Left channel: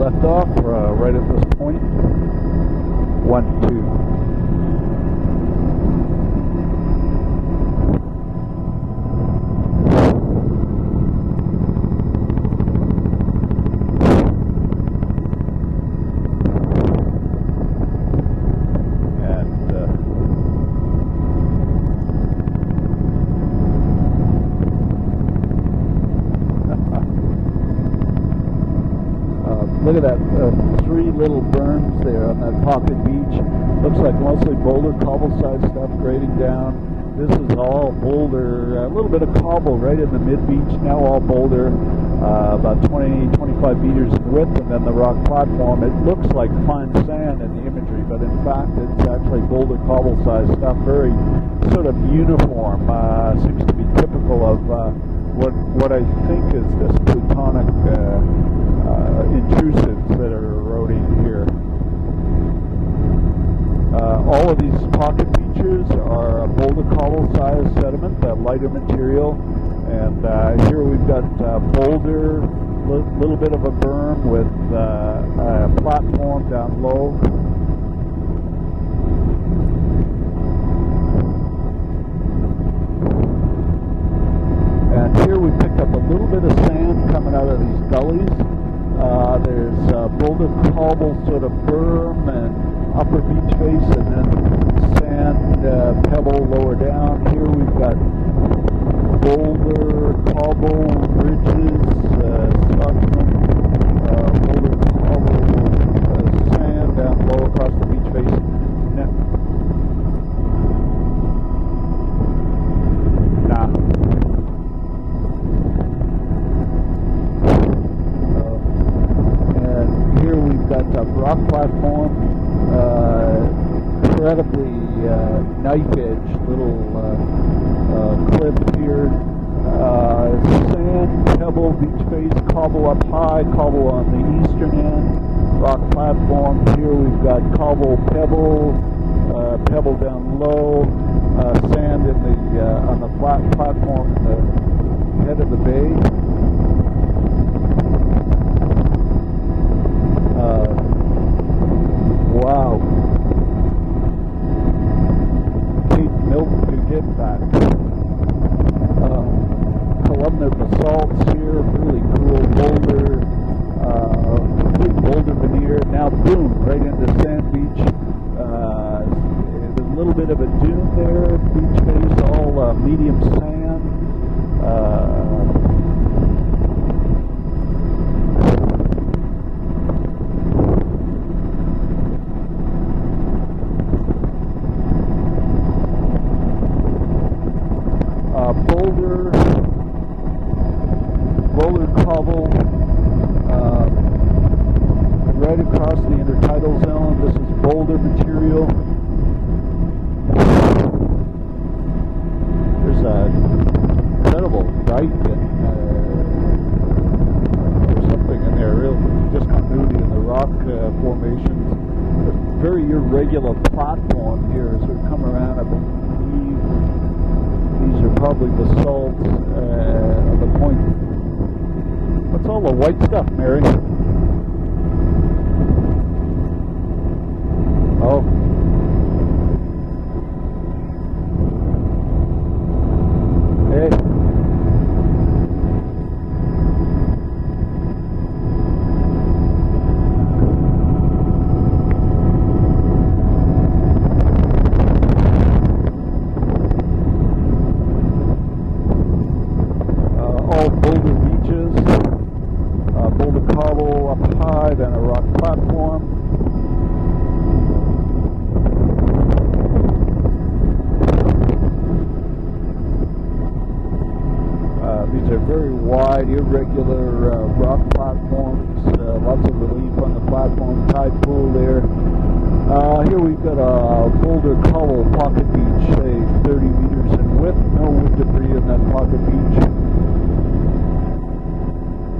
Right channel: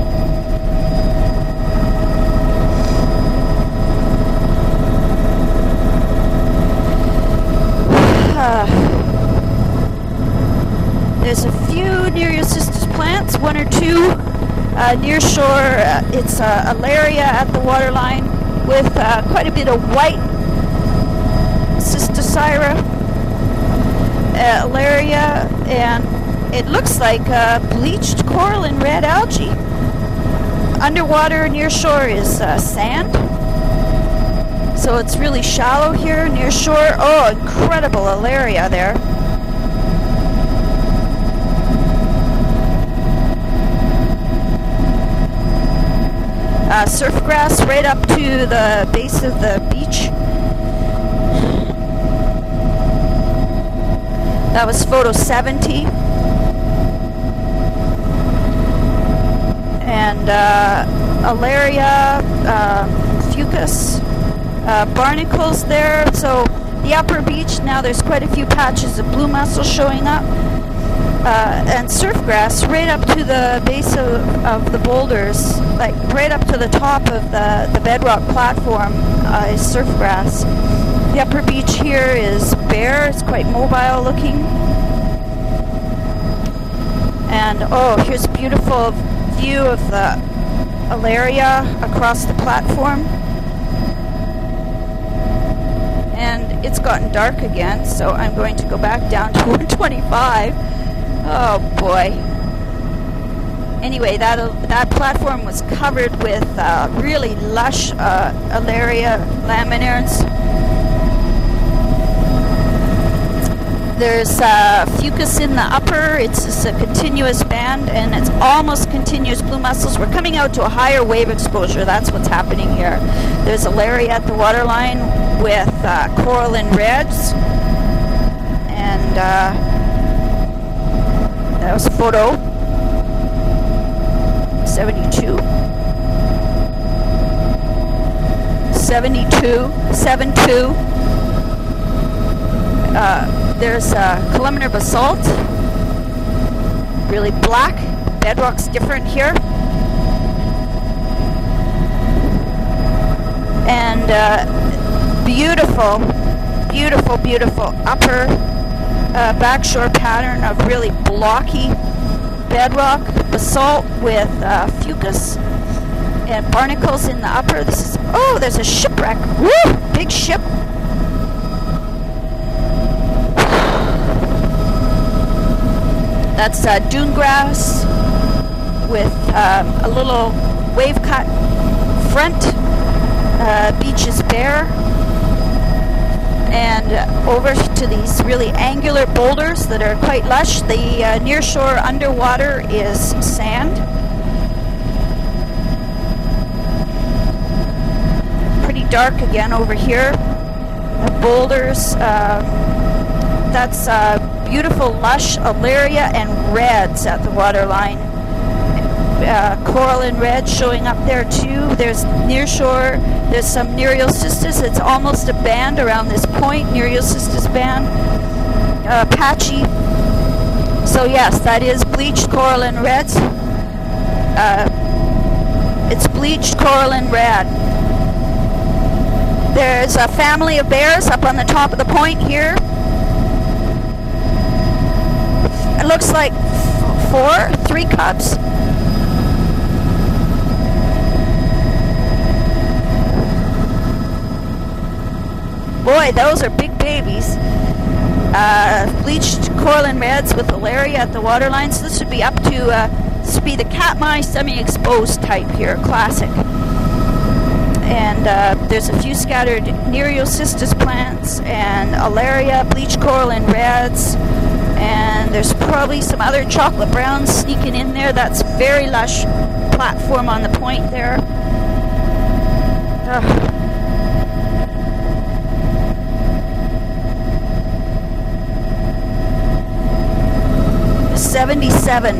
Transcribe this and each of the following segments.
left off, right at the point. 1, 2. There's a few near your sister's plants, 1 or 2 near shore. It's Alaria at the waterline with quite a bit of white Cysticerca Alaria, and it looks like bleached coral and red algae. Look at that. Underwater near shore is sand. So it's really shallow here near shore. Oh, incredible Alaria there. A little bit of cobble right in the mid-beach, now all boulder, about 20, 25 meters width, and then the rock platform. It looks like surf grass right up to the base of the beach. Very sort of uniform. Seems to be typical of, That was photo 70. what I think is plutonic intrusion. And Alaria, Fucus, all of these barnacles there. So the upper beach, now there's quite a few patches of blue mussel showing up. And surf grass right up to the base of the boulders, like right up to the top of the bedrock platform is surf grass. The upper beach here is bare, it's quite mobile looking. And here we picked up a little bit of sand coming And oh, here's a beautiful view of the Alaria across the platform. And it's gotten dark again, so I'm going to go back down to 125. Oh boy. Anyway, that platform was covered with really lush Alaria laminares. There's Fucus in the upper. It's just a continuous band, and it's almost continuous blue mussels. We're coming out to a higher wave exposure. That's what's happening here. There's Alaria at the waterline with coral and reds. And that was photo 72. Rock platform, here we've got cobble, pebble, 72, 72. There's columnar basalt, really black. Bedrock's different here. Wow. And beautiful, beautiful, beautiful upper backshore pattern of really blocky bedrock, basalt with Fucus and barnacles in the upper. This is, oh, there's a shipwreck. Woo! Big ship. That's dune grass with a little wave cut front. Beach is bare. And over to these really angular boulders that are quite lush. The near shore underwater is sand. Pretty dark again over here. The boulders. That's beautiful lush Alaria and reds at the waterline. Coral and red showing up there too. There's near shore. There's some Nereocystis. It's almost a band around this point. Nereocystis band. Patchy. So yes, that is bleached coral and reds. It's bleached coral and red. There's a family of bears up on the top of the point here. It looks like 3 cubs. Boy, those are big babies. Bleached coral and reds with Alaria at the waterline. So this would be up to, this would be the Katmai semi-exposed type here, classic. And there's a few scattered Nereocystis plants and Alaria, bleached coral and reds. And there's probably some other chocolate browns sneaking in there. That's very lush platform on the point there. 77.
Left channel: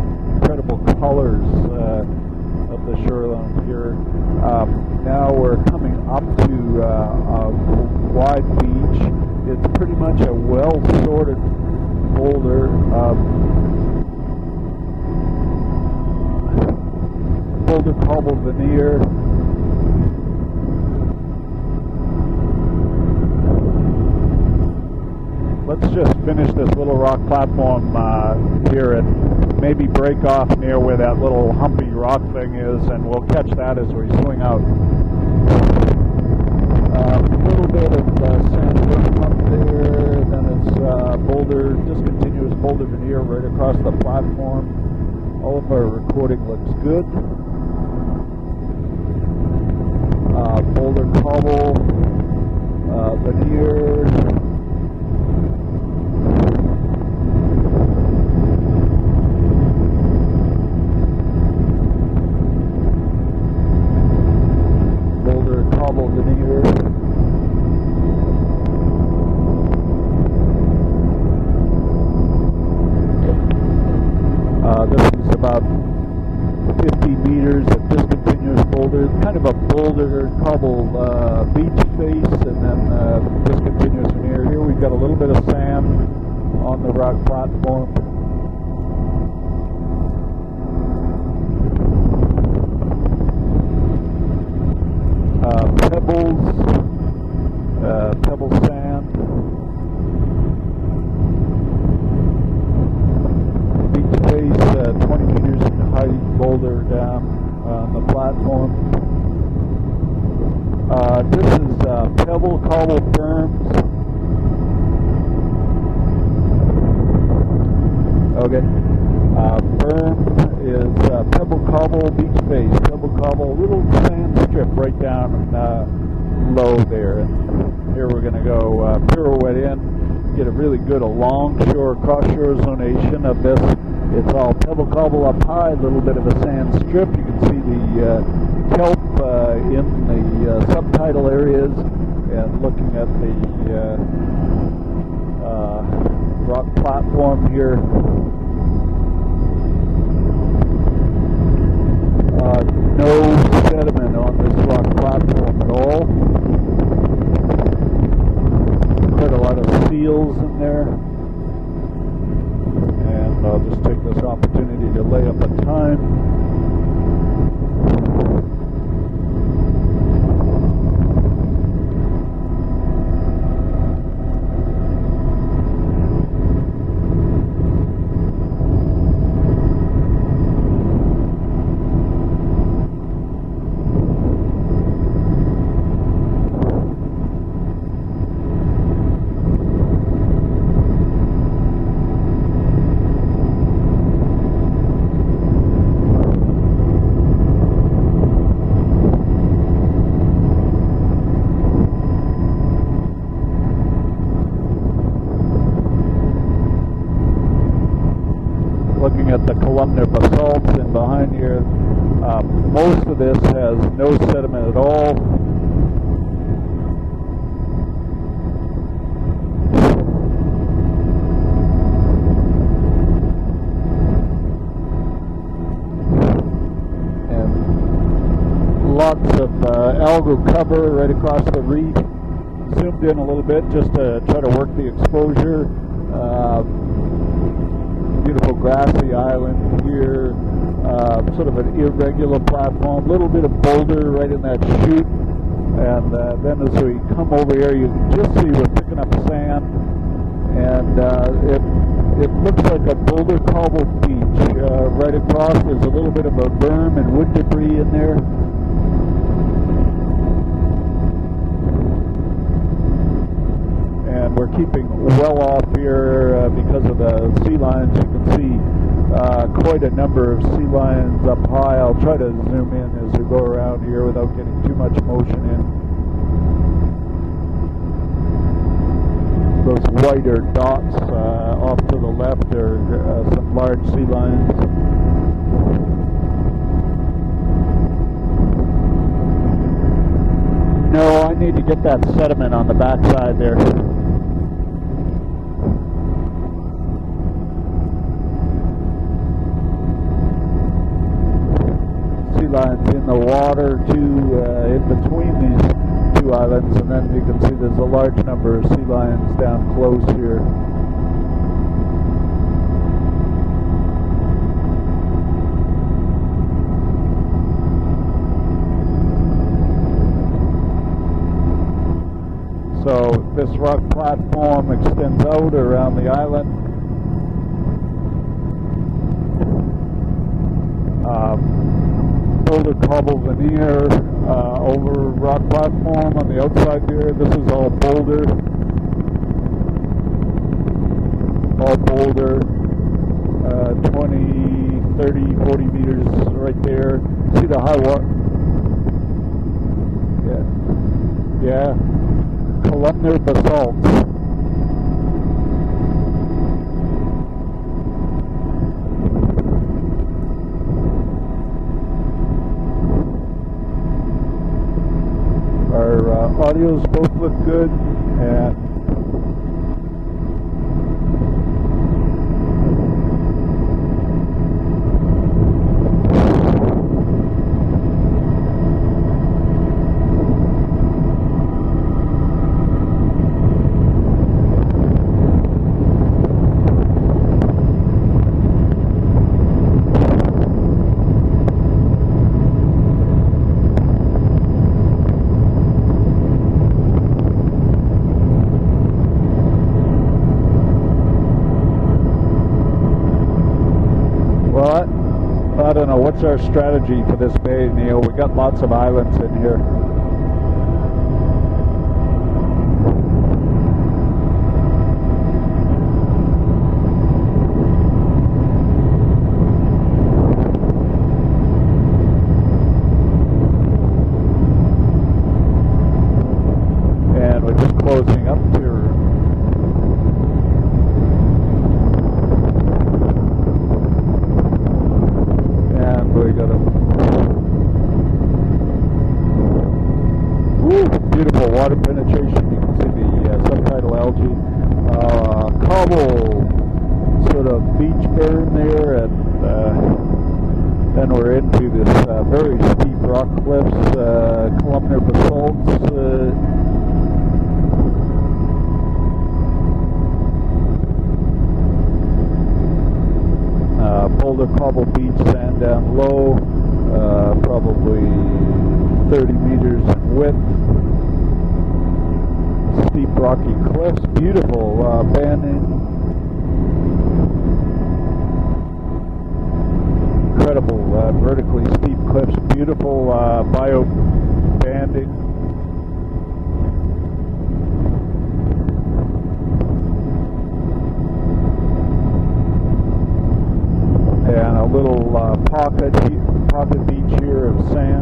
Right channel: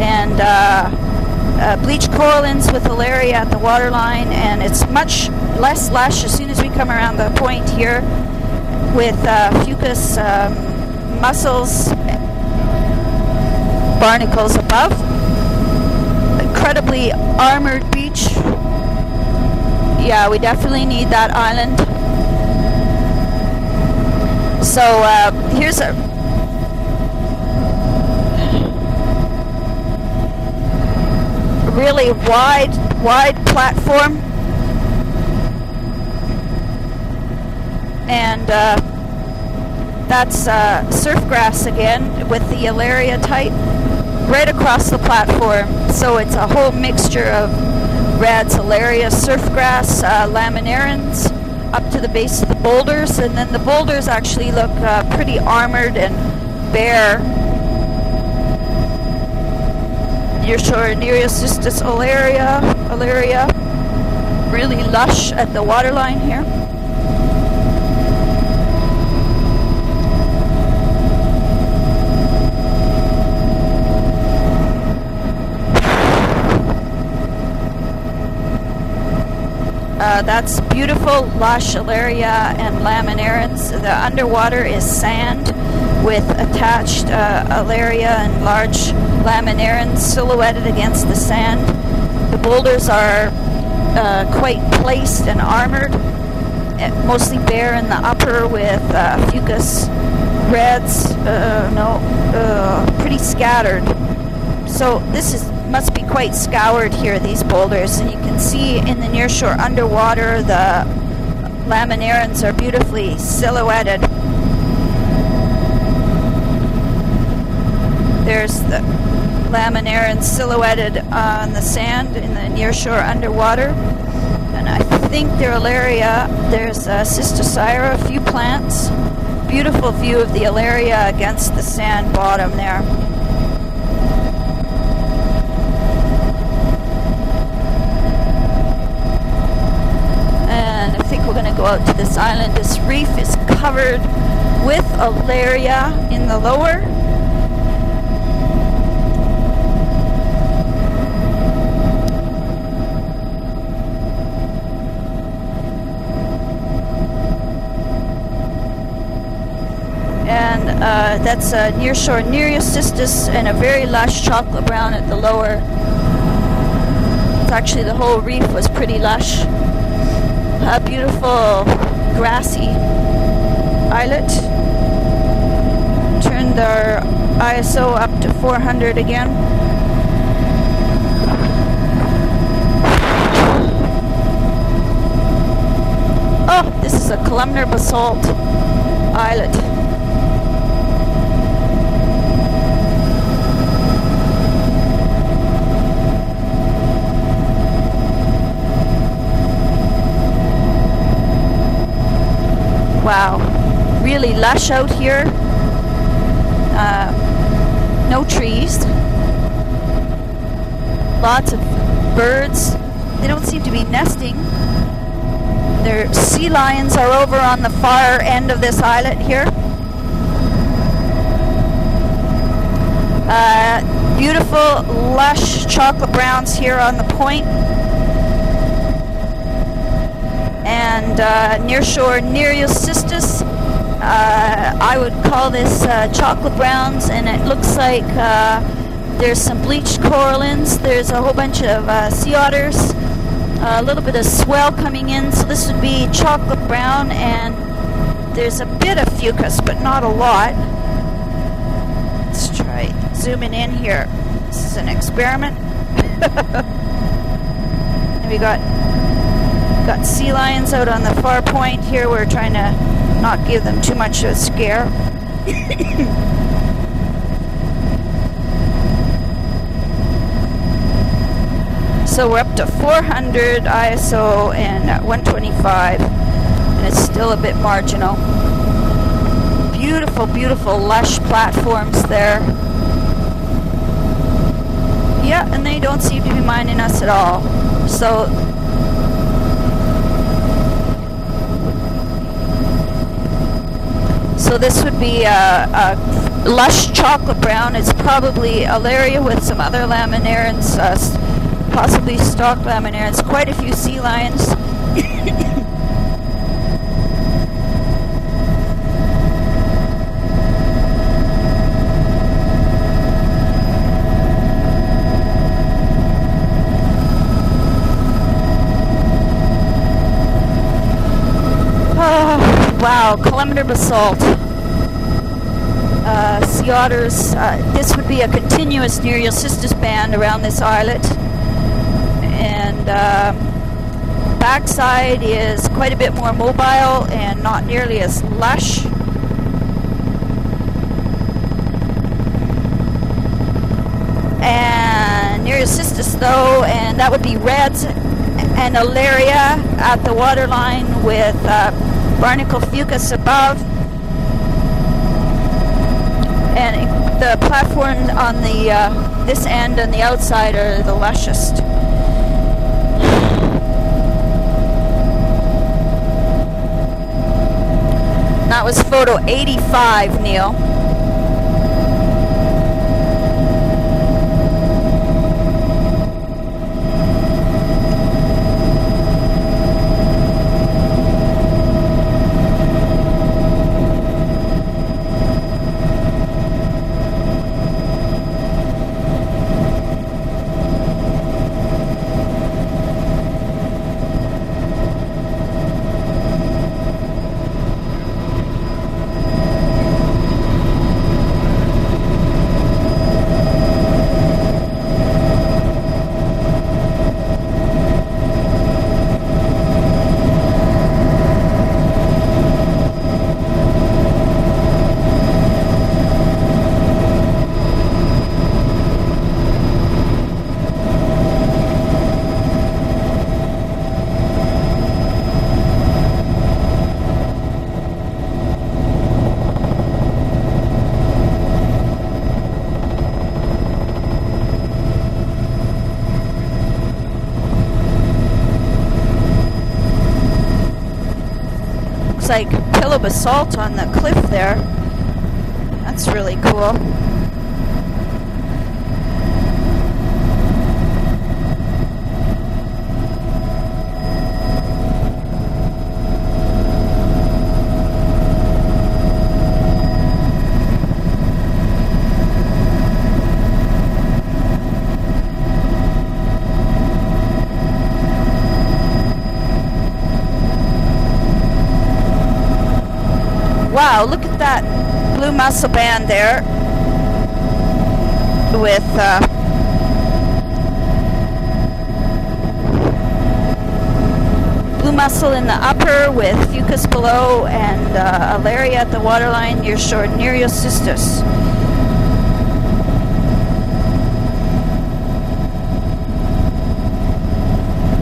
And bleached corallines with Alaria at the waterline, and it's much less lush as soon as we come around the point here with Fucus mussels barnacles above. Incredibly armored beach. Yeah, we definitely need that island. So here's a... Let's just finish this little rock platform here and maybe break off near where that little really wide platform. And that's surf grass again with the Alaria type right across the platform. So it's a whole mixture of reds, Alaria, surf grass, laminarans up to the base of the boulders, and then the boulders actually look pretty armored and bare. Nearshore Nereocystis Alaria, really lush at the waterline here. That's beautiful lush Alaria and laminarans. The underwater is sand with attached Alaria and large laminarans silhouetted against the sand. The boulders are quite placed and armored, mostly bare in the upper with fucus reds, pretty scattered. So this must be quite scoured here, these boulders, and you can see in the nearshore underwater the laminarans are beautifully silhouetted. There's the laminarans silhouetted on the sand in the nearshore underwater. And I think they're Alaria. There's Cysticerca, a few plants. Beautiful view of the Alaria against the sand bottom there. It's all cobble up high, a little bit of a sand strip. The kelp and I think we're going to go out to this island. This reef is covered with Alaria in the lower. Platform here. No sediment on this rock platform at all. Quite a lot of seals. And that's nearshore Nereocystis and a very lush chocolate brown at the lower. It's actually the whole reef was pretty lush. A beautiful grassy islet. Turned our ISO up to 400 again. Oh, this is a columnar basalt islet. Wow, really lush out here. No trees. Looking at the columnar basalt behind lots here. Of birds. They don't seem to be nesting. No sediment at all. Their sea lions are over on the far end of this islet here. Beautiful, lush chocolate browns here on the point. Lots of algal cover. And nearshore Nereocystis. I would call this chocolate browns, and it looks like there's some bleached corallines. There's a whole bunch of sea otters. A little bit of swell coming in, so this would be chocolate brown, and there's a bit of fucus, but not a lot. Let's try zooming in here. This is an experiment. We got sea lions out on the far point here. We're trying to not give them too much of a scare. Well off here because of the sea lions. You can see quite a number of sea lions up high. So we're up to 400 ISO and 125, and it's still a bit marginal. Beautiful, beautiful, lush platforms there. Yeah, and they don't seem to be minding us at all. So. No, I need to get that sediment on the backside there. So this would be a lush chocolate brown. It's probably Alaria with some other laminarans, possibly stalk laminarans. Quite a few sea lions. Two islands, and then you can see there's a large number of sea lions down close here. basalt. Platform extends out around the island. Sea otters. This would be a continuous Nereocystis band around this islet. And backside is quite a bit more mobile and not nearly as lush. All boulder. And Nereocystis though, and that would be reds and Alaria at the waterline with barnacle fucus above. And the platforms on the this end and the outside are the lushest. Our audio both look good. And that was photo 85, Neil. Looks like pillow basalt on the cliff there. That's really cool. Put a beach there in there, and then we're into this very steep rock cliff, columnar basalt. Boulder Cobble Beach ran down low, probably 30 meters width. Wow, look at that blue mussel band there with incredible vertically steep cliffs, beautiful bio band. Blue mussel in the upper with fucus below and Alaria at the waterline near shore Nereocystis. And a little pocket beach here in sand.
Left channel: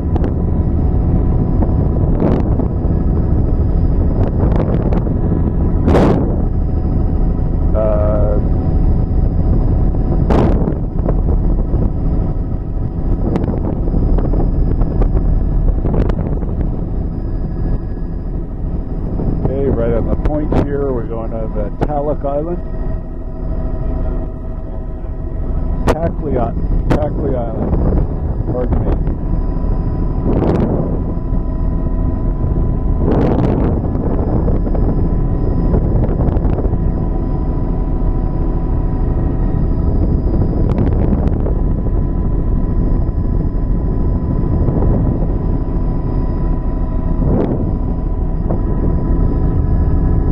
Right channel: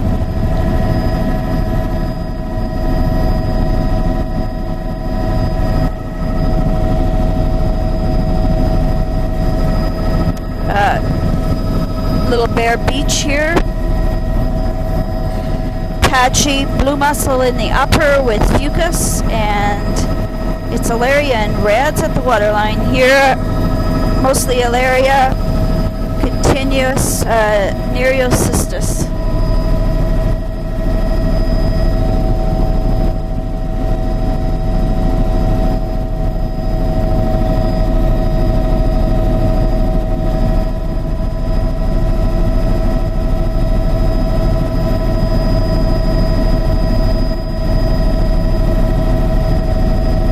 Little Bear Beach here. Patchy blue mussel in the upper with fucus, and it's Alaria and reds at the waterline here. Mostly Alaria, continuous Nereocystis.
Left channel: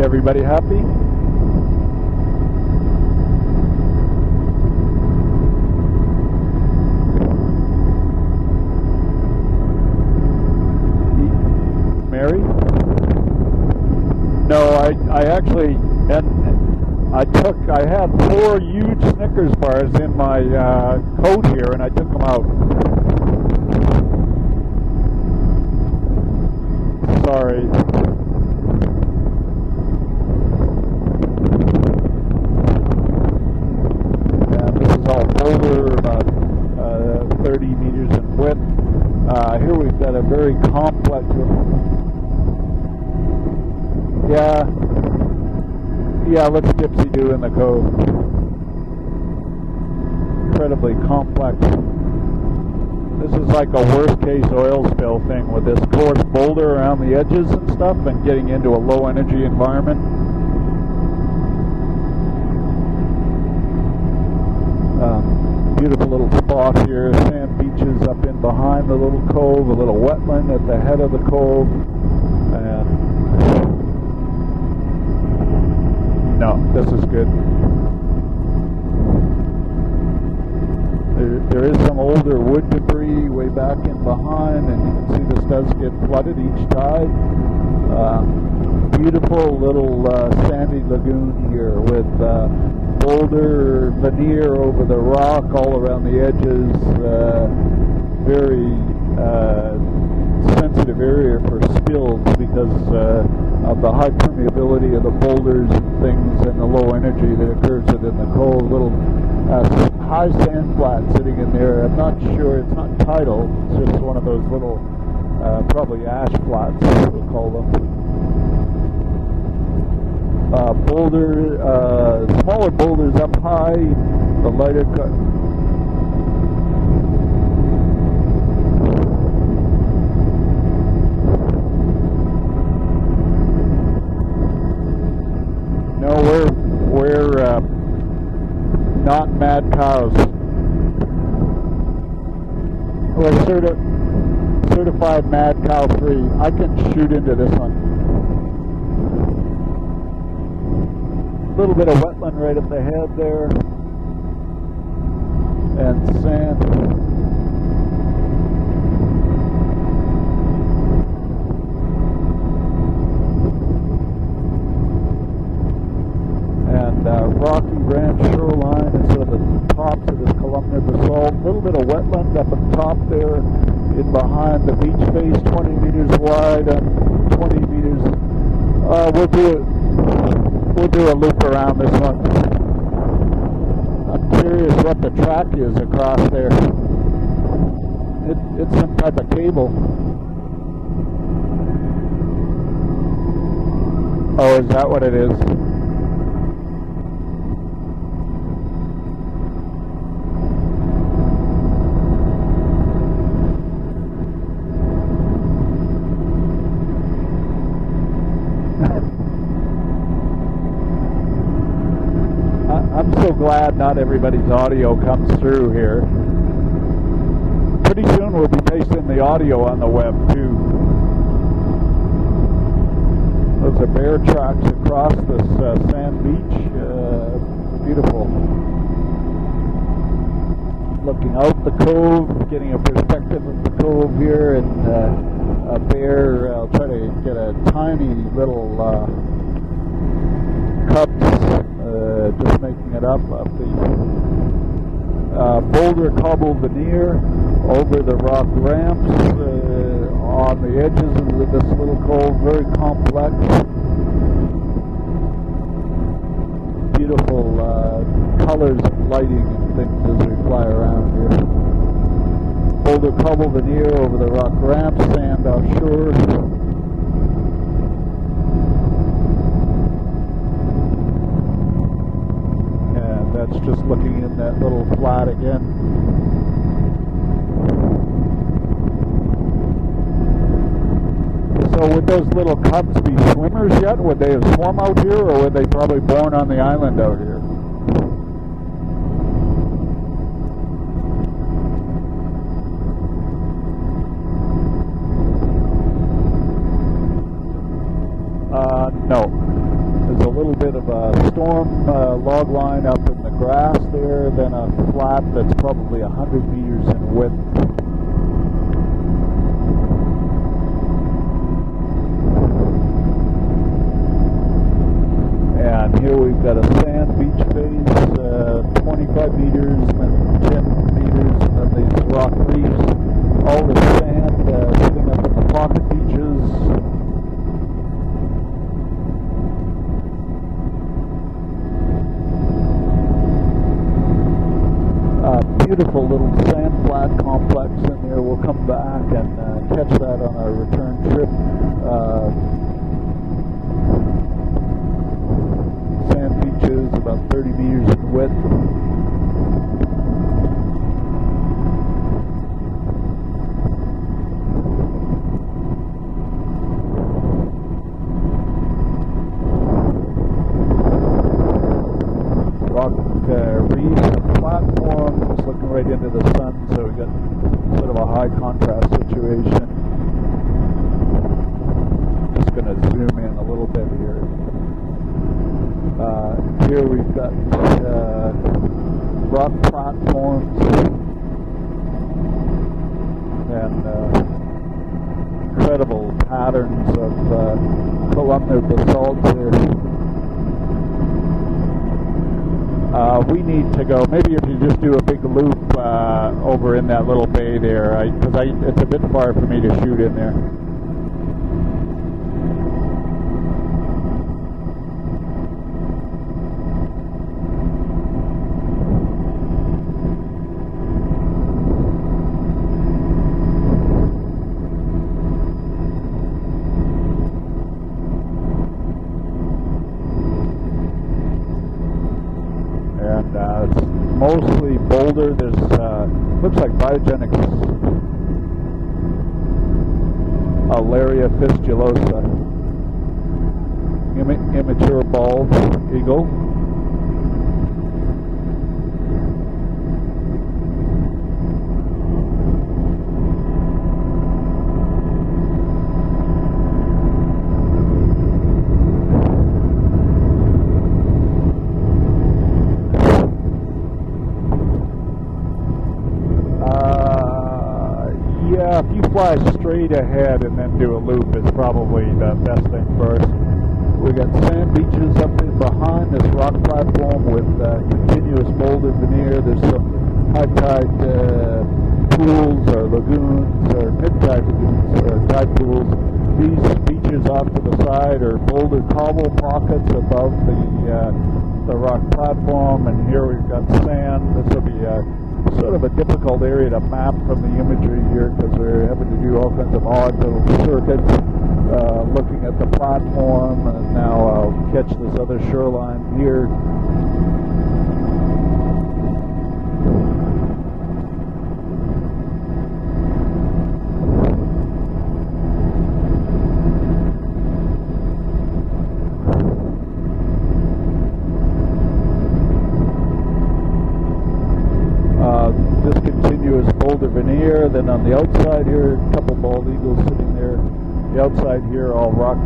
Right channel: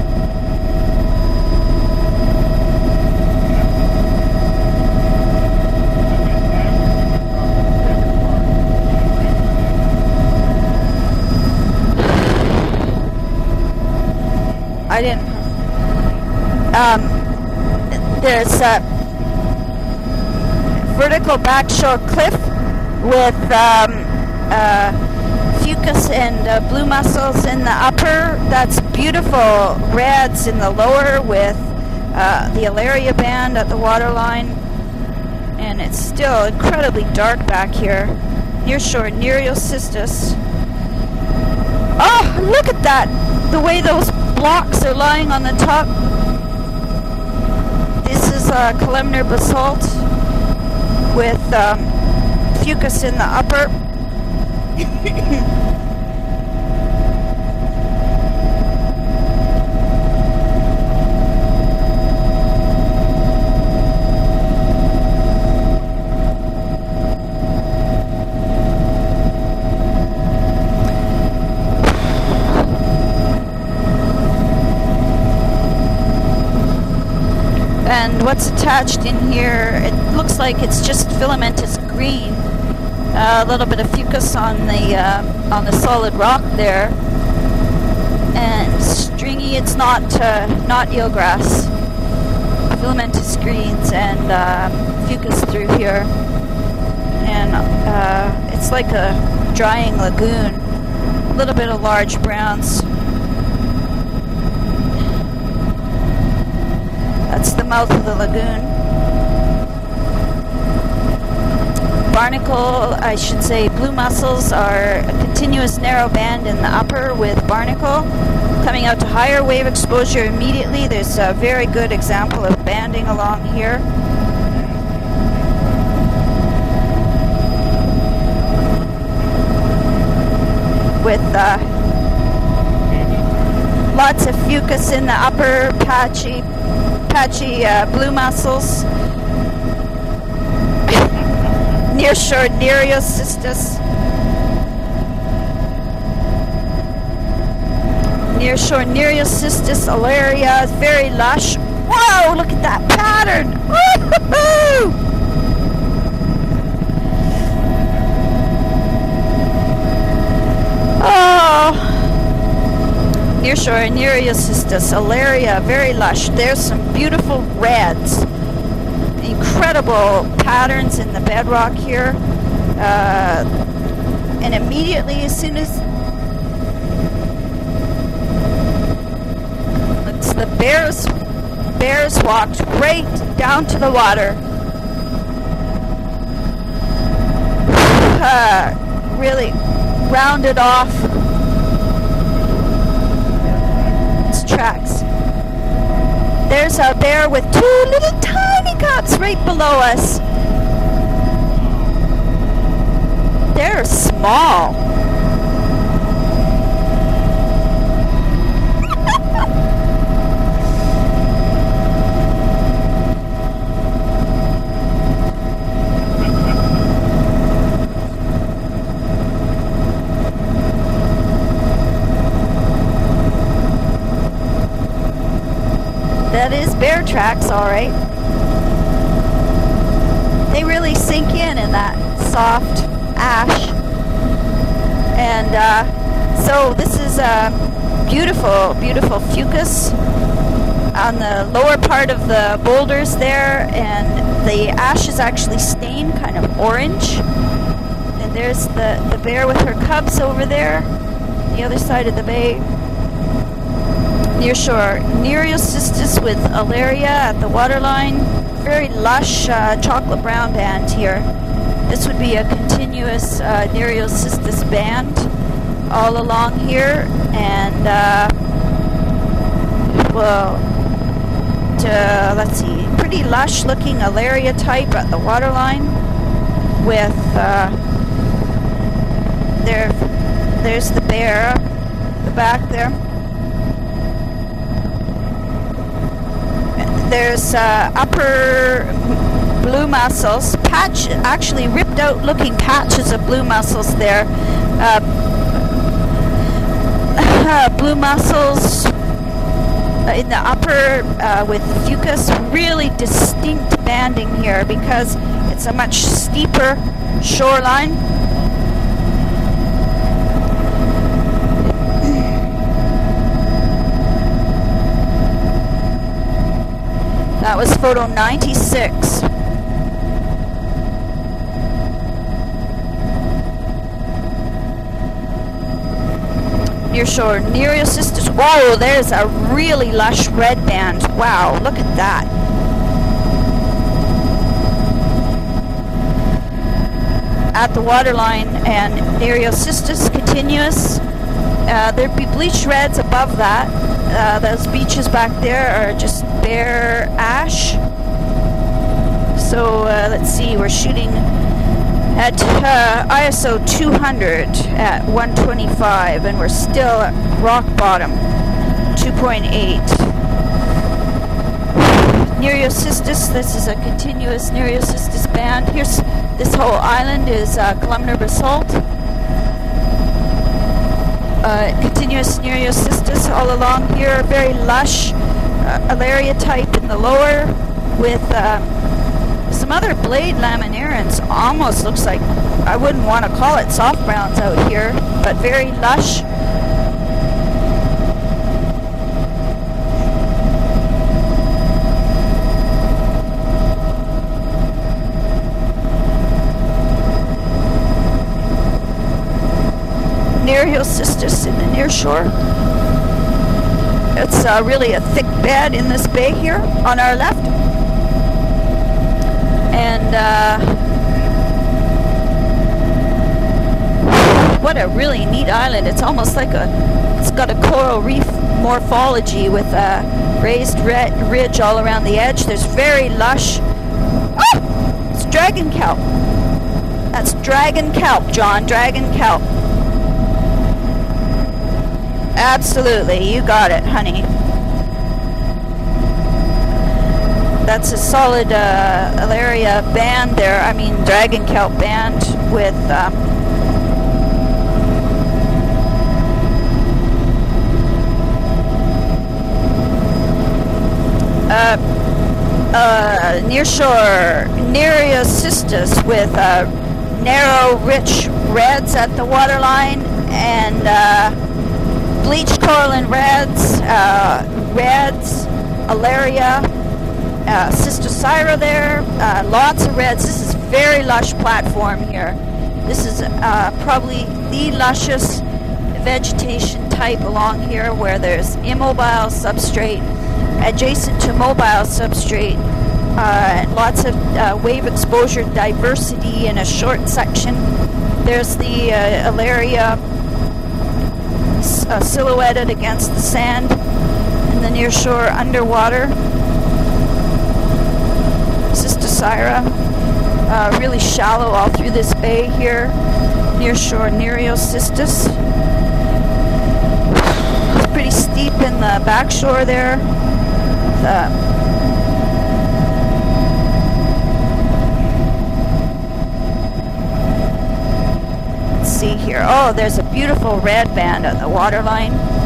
Everybody happy? No, I actually, I have there's four Snickers bars in my vertical backshore cliff with fucus and blue mussels in the upper. That's beautiful reds in the lower with the Alaria band at the waterline. And it's still incredibly dark back here. Near shore Nereocystis. Oh, look at that! The way those blocks are lying on the top. Yeah, let's get to do in the code. This is columnar basalt with fucus in the upper. Like the worst case oil spill thing with this coarse boulder around the edges and stuff and getting into a low energy environment. Beautiful little spot here. Sand beaches up in behind the little cove, a little wetland at the head of the cove. that's attached in here. It looks like it's just filamentous green. A little bit of fucus on the solid rock there, and stringy. It's not eelgrass. Filamentous greens and fucus through here, and it's like a drying lagoon. A little bit of large browns. Of the high permeability of the boulders, things, and the low energy. That's the mouth of the lagoon. High sand flat sitting in there. Barnacle, I should say, blue mussels are a continuous narrow band in the upper with barnacle. Coming out to higher wave exposure immediately. There's a very good example of banding along here. With lots of fucus in the upper, patchy blue mussels. Not mad cows. Nearshore Nereocystis. Certified mad cow free. I can shoot into this one. Nearshore Nereocystis alaria is very lush. Whoa, look at that pattern! Woo-hoo-hoo! Oh! Nearshore Nereocystis alaria, very lush. There's some beautiful reds. Incredible patterns in the bedrock here. And immediately, as soon as it's the bears walked right down to the water. Really rounded off. Oh, is that what it is? There's a bear with two little tiny cubs right below us. They're small. I'm so glad not everybody's audio comes through here. Pretty soon we'll be pasting the audio on the web too. There's the bear tracks across this. That is bear tracks, all right. They really sink in that soft ash. And so this is a beautiful, beautiful fucus on the lower part of the boulders there, and the ash is actually stained kind of orange. And there's the bear with her cubs over there, the other side of the bay. Nearshore Nereocystis with alaria at the waterline. Very lush chocolate brown band here. This would be a continuous Nereocystis band all along here, and let's see, pretty lush looking alaria type at the waterline with there's the bear back there. Swimmers yet? Would they have swum out here, or were they probably born on the island? There's upper blue mussels, actually ripped out looking patches of blue mussels there. Blue mussels in the upper with fucus, really distinct banding here because it's a much steeper shoreline. That was photo 96. Nearshore Nereocystis. Whoa, there's a really lush red band. Wow, look at that. Beautiful little sand flat complex. At the waterline, and Nereocystis continuous. There'd be bleached reds above that. Those beaches back there are just bare ash. So let's see, we're shooting at ISO 200 at 125, and we're still at rock bottom, 2.8. Nereocystis, this is a continuous Nereocystis band. Here's this whole island is columnar basalt. Continuous Nereocystis all along here, very lush alaria type in the lower. with some other blade laminarans. Almost looks like, I wouldn't want to call it soft browns out here, but very lush. Patterns of columnar basalt. We need to go, maybe if you just do a big loop over in that little bay there, because it's a bit far for me to shoot in there. Nereal cystis in the near shore. It's really a thick bed in this bay here on our left. And what a really neat island. It's almost like it's got a coral reef morphology with a raised ridge all around the edge. There's very lush. It's dragon kelp. That's dragon kelp, John. Dragon kelp. Alaria fistulosa. Absolutely, you got it, honey. Immature bald eagle. That's a solid Alaria band there. I mean, dragon kelp band with. Nearshore Nereal cystis with narrow, rich reds at the waterline and bleached coral and reds, Alaria, Cystocyra there, lots of reds. This is a very lush platform here. This is probably the lushest vegetation type along here, where there's immobile substrate adjacent to mobile substrate, and lots of wave exposure diversity in a short section. There's the Alaria silhouetted against the sand in the near shore underwater. Cystocyra, really shallow all through this bay here. Near shore Nereal cystis. It's pretty steep in the back shore there. Veneer, then on the outside here. Let's see here. Oh, there's a beautiful red band at the waterline. Rock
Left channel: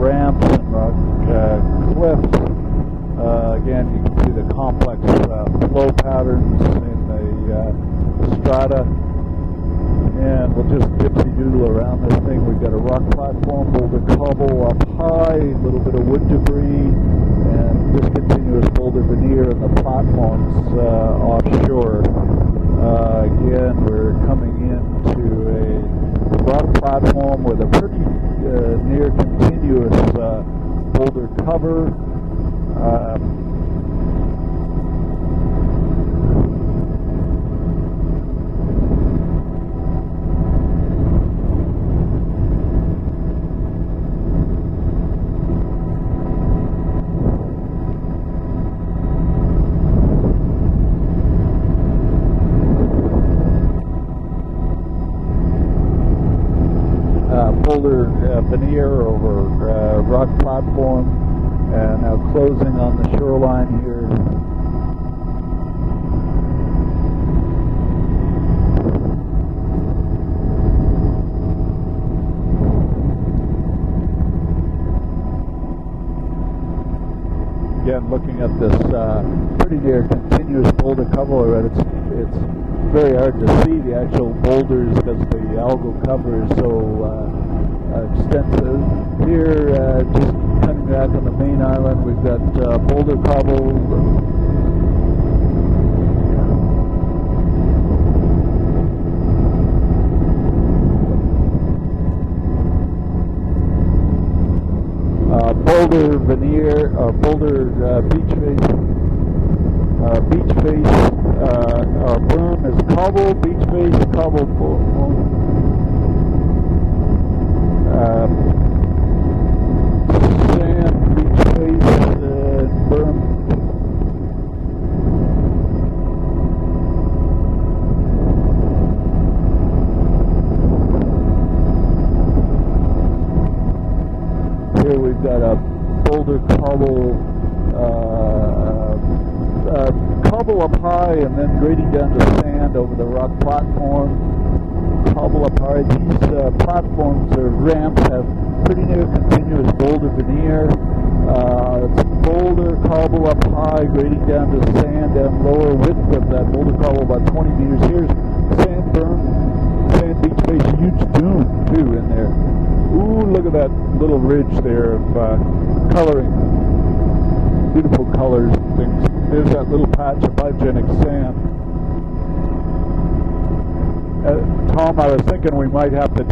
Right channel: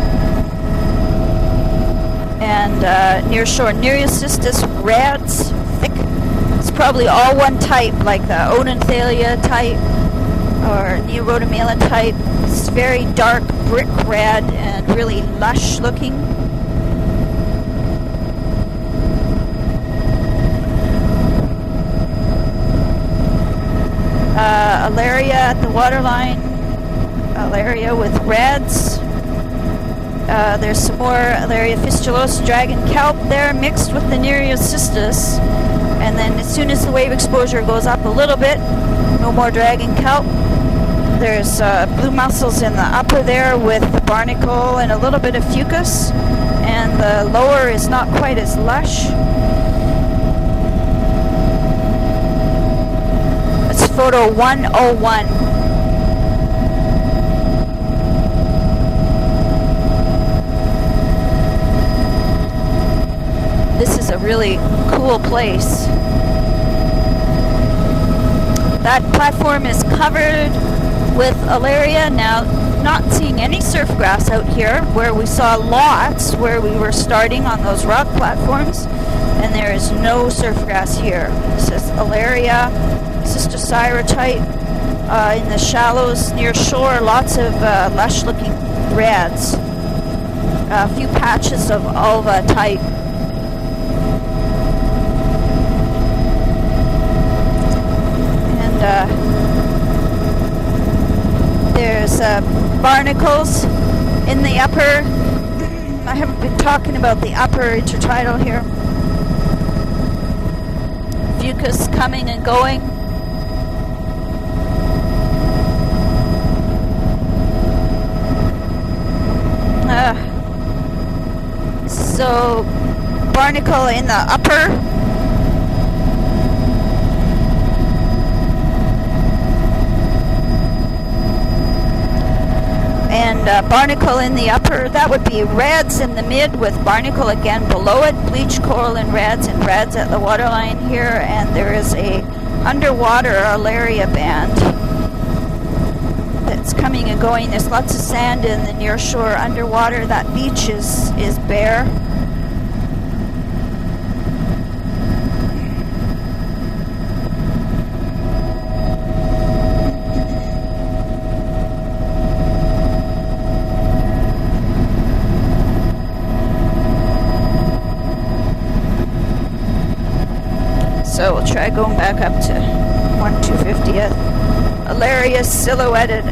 ramp, and near shore Nereal cystis reds. It's probably all one type, like the Odenthalia type or Neorotomelon type. It's very dark brick red and really lush looking. Alaria at the waterline, Alaria with reds. There's some more Alaria fistulosa dragon kelp there mixed with the Nereal cystis. And then as soon as the wave exposure goes up a little bit, no more dragon kelp. There's blue mussels in the upper there with the barnacle and a little bit of fucus. And the lower is not quite as lush. Photo 101. Boulder veneer over rock platform and frozen on the shoreline. This is a really cool place. That platform is covered with Alaria. Now, not seeing any surf grass out here, where we saw lots where we were starting on those rock platforms, and there is no surf grass here. This is Alaria, Cystocyra type. In the shallows near shore, lots of lush looking reds. A few patches of Alva type. And there's barnacles in the upper. I haven't been talking about the upper intertidal here. Fucus coming and going. So barnacle in the upper. Barnacle in the upper, that would be reds in the mid with barnacle again below it, bleached coral and reds at the waterline here, and there is a underwater Alaria band. that's coming and going. There's lots of sand in the near shore underwater. That beach is bare. Boulder cobble up high, goes down to sand and lower width of that boulder cobble about 20 meters. Here's sandburn. There's a huge dune too in there. Ooh, look at that little ridge there of coloring. Beautiful colors. There's that little patch of light. So we'll try going back up to 1/250th. Alaria silhouetted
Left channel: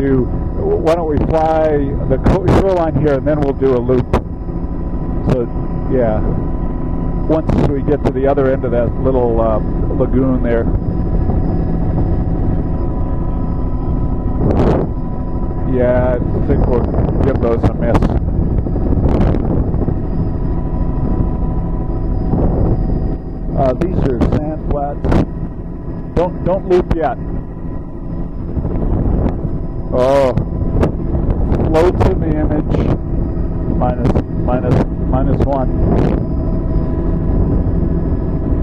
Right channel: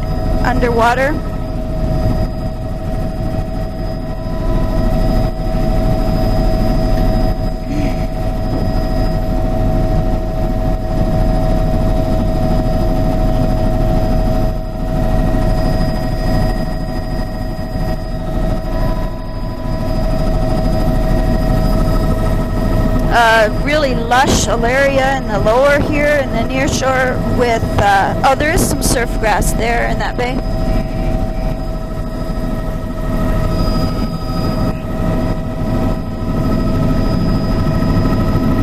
underwater. We'll fly the shoreline here and then we'll do a loop. So, yeah. Once we get to the other end of that little lagoon there. Yeah, I think we'll give those a miss. Really lush alaria in the lower here in the near shore with, there is some surf grass there in that bay. Float to the image, minus one.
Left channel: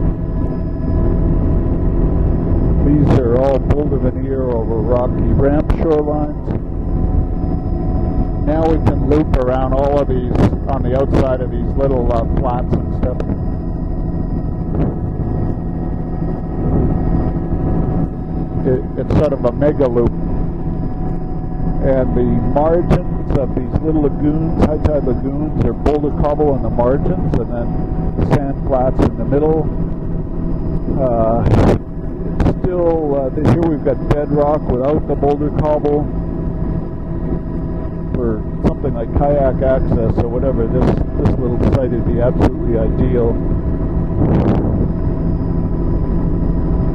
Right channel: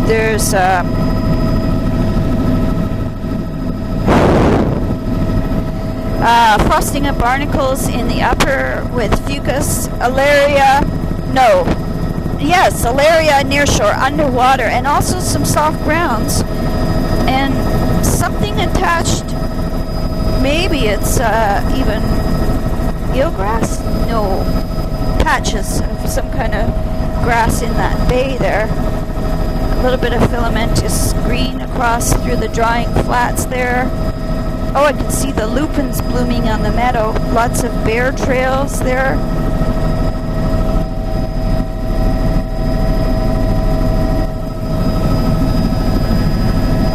There's, these are all pulled rocky ramp shoreline. frosting of barnacles in the upper with fucus, alaria, no, yes, alaria near shore, underwater, and also some soft grounds, and something attached, sort of a mega loop. Maybe it's even eelgrass, no, patches of some kind of grass in that bay there, a little bit of filamentous green across through the drying flats there. Oh, I can see the lupins blooming on the meadow. Lots of bear trails there.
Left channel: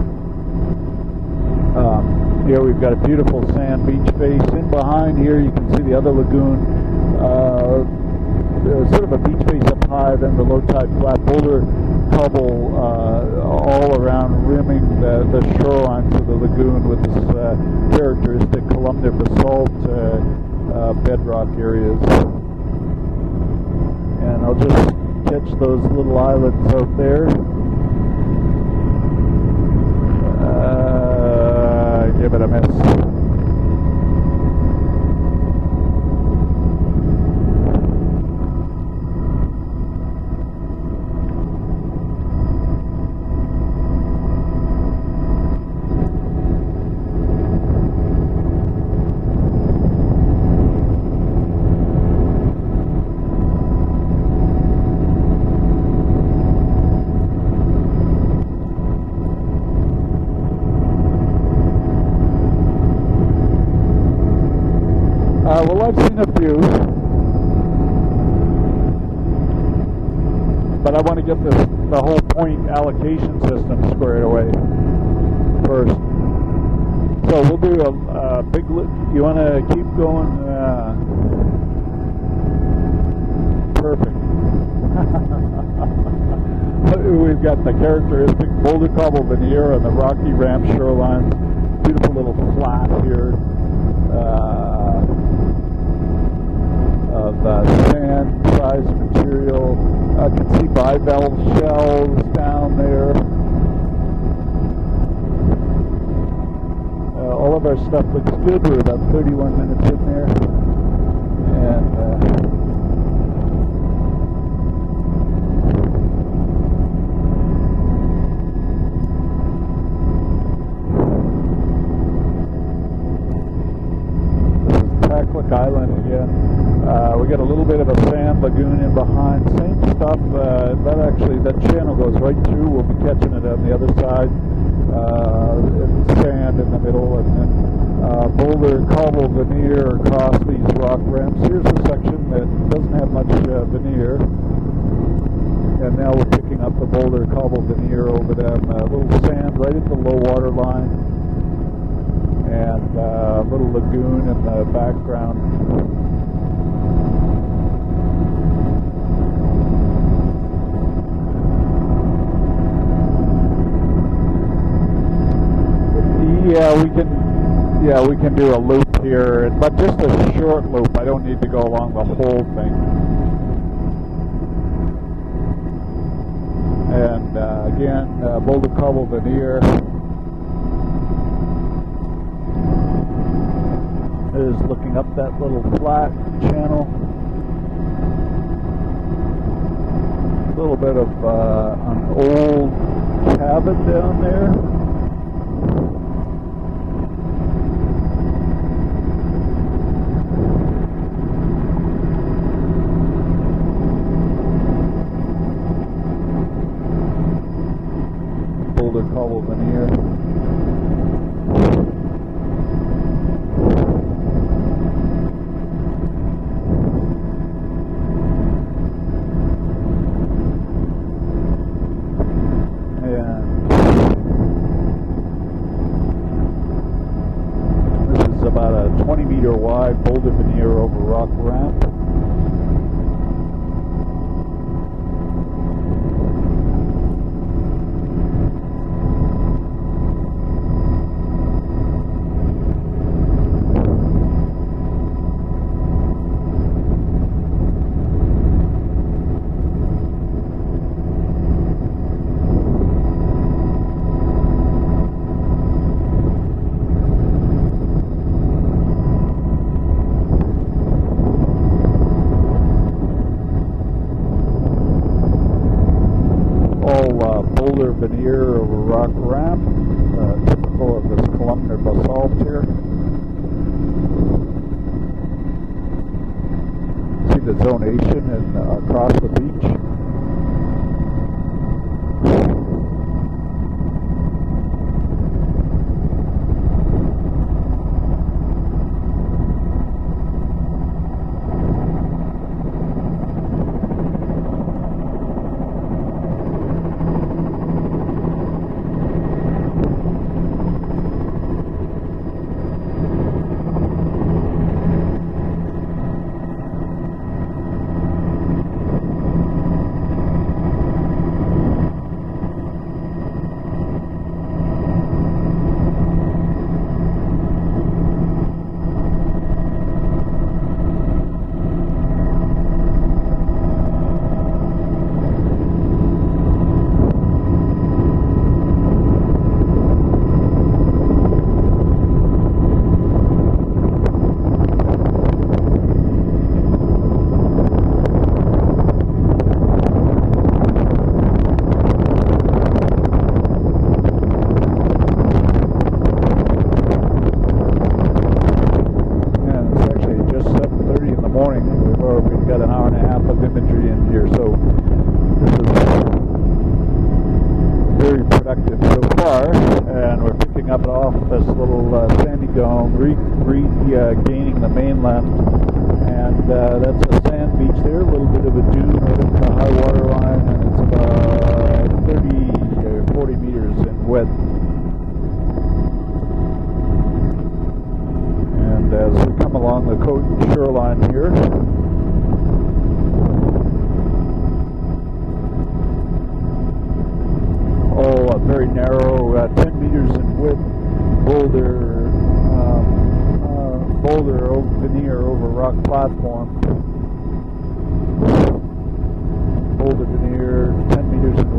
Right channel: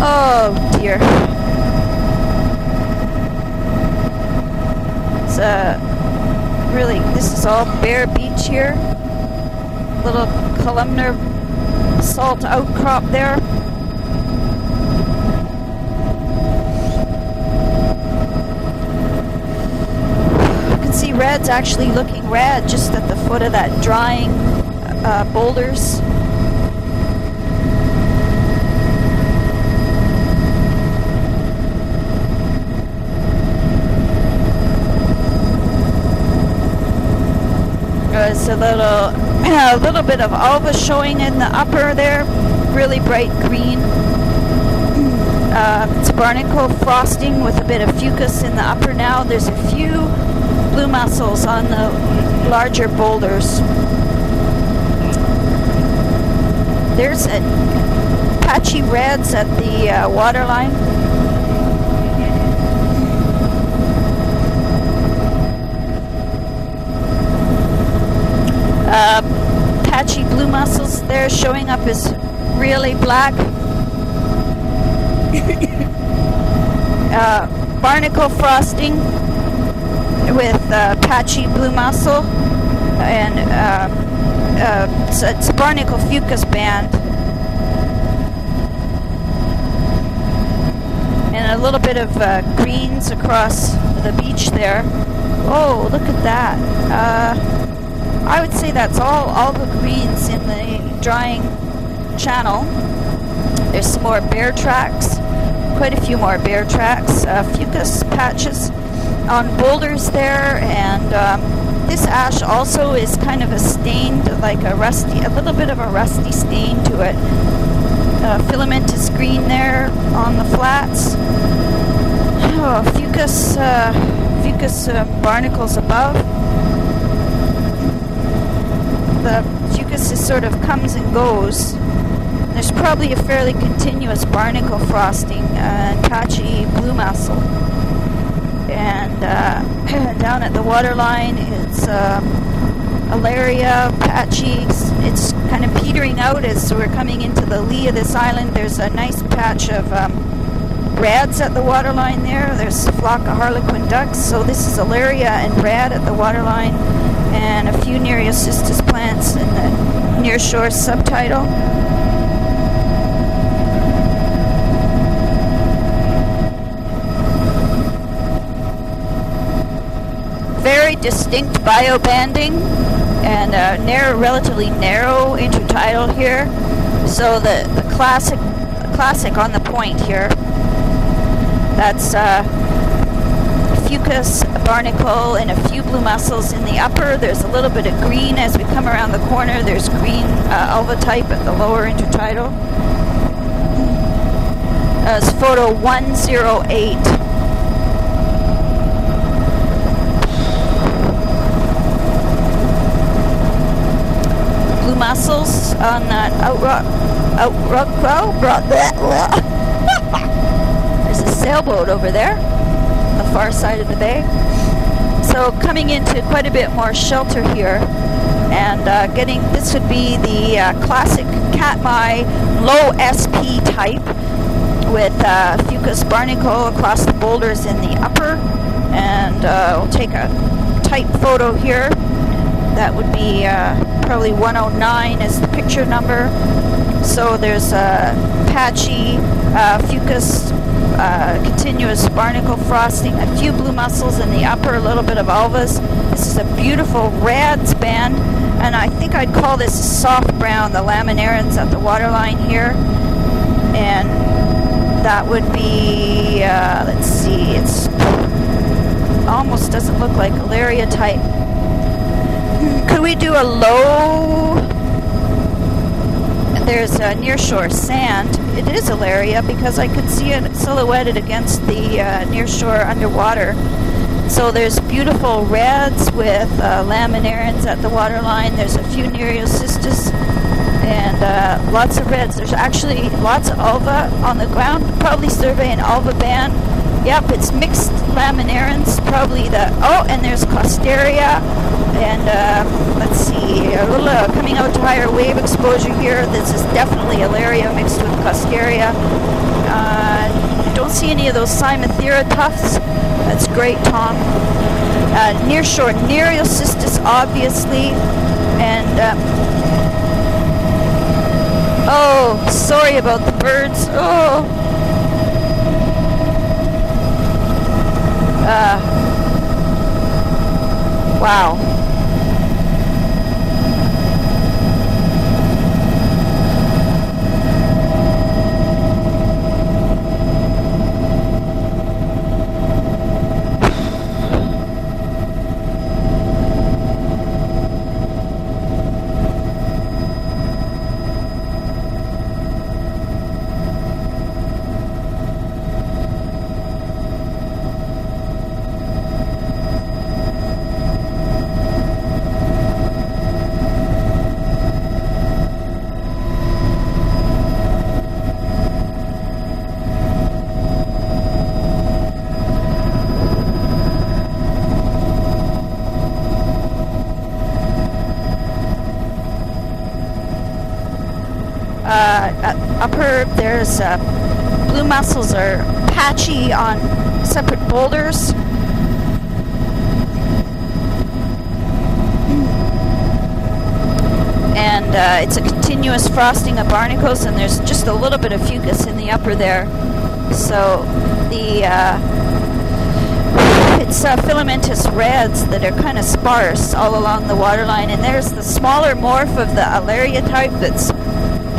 Oh dear. Here we've got a beautiful sand beach face behind here. The other lagoon. Really, this is all bare beach here. Little columnar salt outcrop there. All around rimming the shoreline of the lagoon with characteristic columnar basalt. You can see red's actually looking red just at the foot of that drying boulders. Little islands out there. Give it a minute. There's a little bit of alba showing in the upper there, really bright green. It's barnacle frosting with a bit of fucus in the upper now. There's a few blue mussels on the larger boulders. There's patchy reds at the waterline. Well, I've seen a few. Patchy blue mussels there showing up as really black. Barnacle frosting with patchy blue mussel, and it's a barnacle fucus band. We've got the characteristic boulder cobble veneer on the rocky ramp shoreline. And a little bit of greens across the beach there. Oh, look at that. I would say that's all the greens in the drying channel. There's some more bear tracks. Quite a few more bear tracks, fucus patches on boulders there, and this ash also is kind of a stained, like a little bit of a rusty stain to it. Filamentous green there on the flats. Oh, fucus barnacles above. We got a little bit of a sand lagoon behind. The fucus sort of comes and goes. There's probably a fairly continuous barnacle frosting and patchy blue mussel. And down at the waterline, it's alaria, patchy. It's kind of petering out as we're coming into the lee of this island. There's a nice patch of reds at the waterline there. There's a flock of harlequin ducks. So this is alaria and red at the waterline, and a few Nereocystis plants in the near shore subtitle. Yeah, we can do a loop here, but this is short. Very distinct biobanding and relatively narrow intertidal here. Yeah. So the classic on the point here. That's fucus, barnacle, and a few blue mussels in the upper. There's a little bit of green as we come around the corner. There's green ulva-type at the lower intertidal. Habit down there. It's photo 108. Blue mussels on that There's a sailboat over there on the far side of the bay. So coming into quite a bit more shelter here, and this would be the classic Katmai low SP type with fucus barnacle across the boulders in the upper, and we'll take a tight photo here. That would be probably 109 is the picture number. So there's a patchy fucus, continuous barnacle frosting, a few blue mussels in the upper, a little bit of ulvas. This is a beautiful rads band, and I think I'd call this soft brown, the laminarans at the waterline here. And that would be, let's see, it's almost doesn't look like Alaria type. Could we do a low? There's a nearshore sand. It is Alaria because I can see it silhouetted against the nearshore underwater. So there's beautiful reds with laminarans at the waterline. There's a few Nereocystis and lots of reds. There's actually lots of ulva on the ground. Probably survey an ulva band. Yep, it's mixed laminarans. Probably and there's Costeria. And let's see, a little coming out to higher wave exposure here. This is definitely Alaria mixed with Costeria. Don't see any of those Cymathera tufts. That's great, Tom. Nearshore Nereocystis, obviously. And, oh, sorry about the birds. Oh. Wow. Blue mussels are patchy on separate boulders. And we come along the coast shoreline here. And it's a continuous frosting of barnacles, and there's just a little bit of fucus in the upper there. So the it's filamentous reds that are kind of sparse all along the waterline, and there's the smaller morph of the Alaria type that's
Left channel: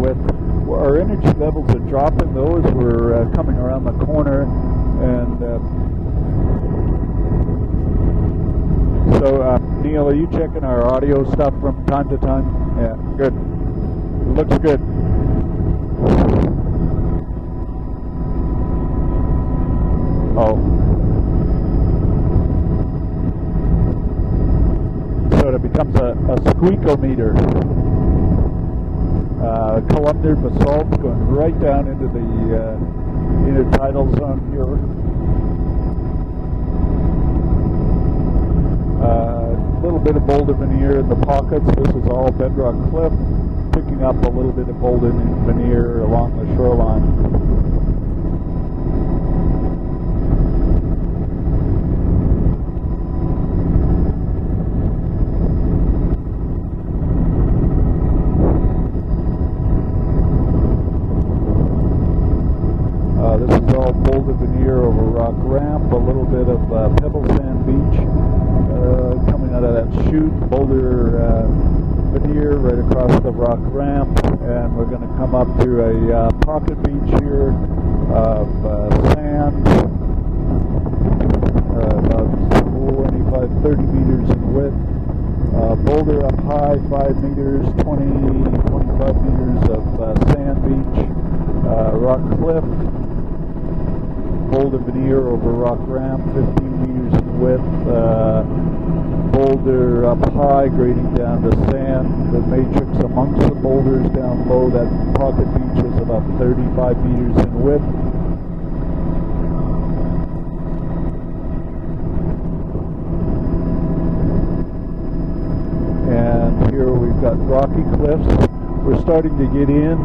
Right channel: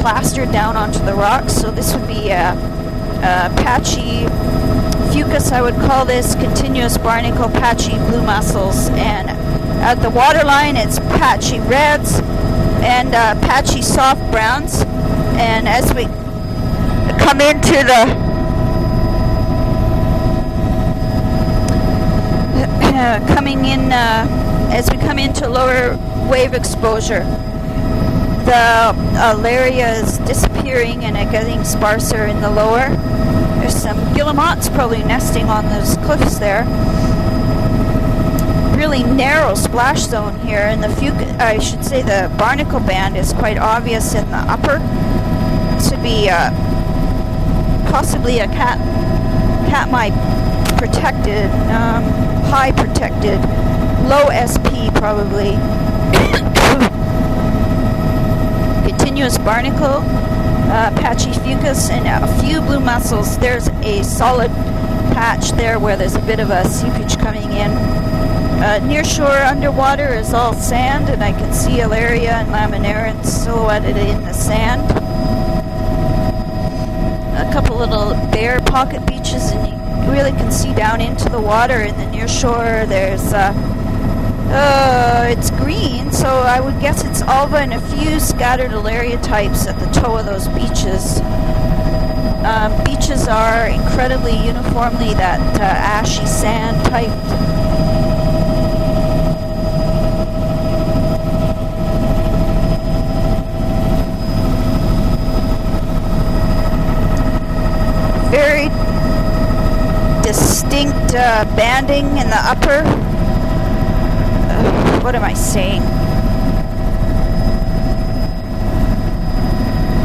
plastered down onto the rocks. So this would be patchy fucus, I would call this, continuous barnacle, patchy blue mussels, and at the waterline it's patchy reds and patchy soft browns. And as we come into the coming in as we come into lower wave exposure, the Alaria is disappearing and getting sparser in the lower. There's some guillemots probably nesting on those cliffs there. Really narrow splash zone here, and the barnacle band is quite obvious in the upper. This would be possibly a Katmai protected, high protected, low SP probably. Continuous barnacle, patchy fucus, and a few blue mussels. There's a solid patch there where there's a bit of a seepage coming in. Nearshore underwater is all sand, and I can see Alaria and laminarans silhouetted in the sand. A couple little bare pocket beaches, and you really can see down into the water in the near shore. There's it's green, so I would guess it's alva and a few scattered alaria types at the toe of those beaches. Beaches are incredibly uniformly that ashy sand type. Boulder up high, grading down to sand. The matrix amongst the boulders down low, that deposit is about 35 meters in width. Very distinct banding in the upper. What am I saying? And here we've got rocky cliffs. We're starting to get in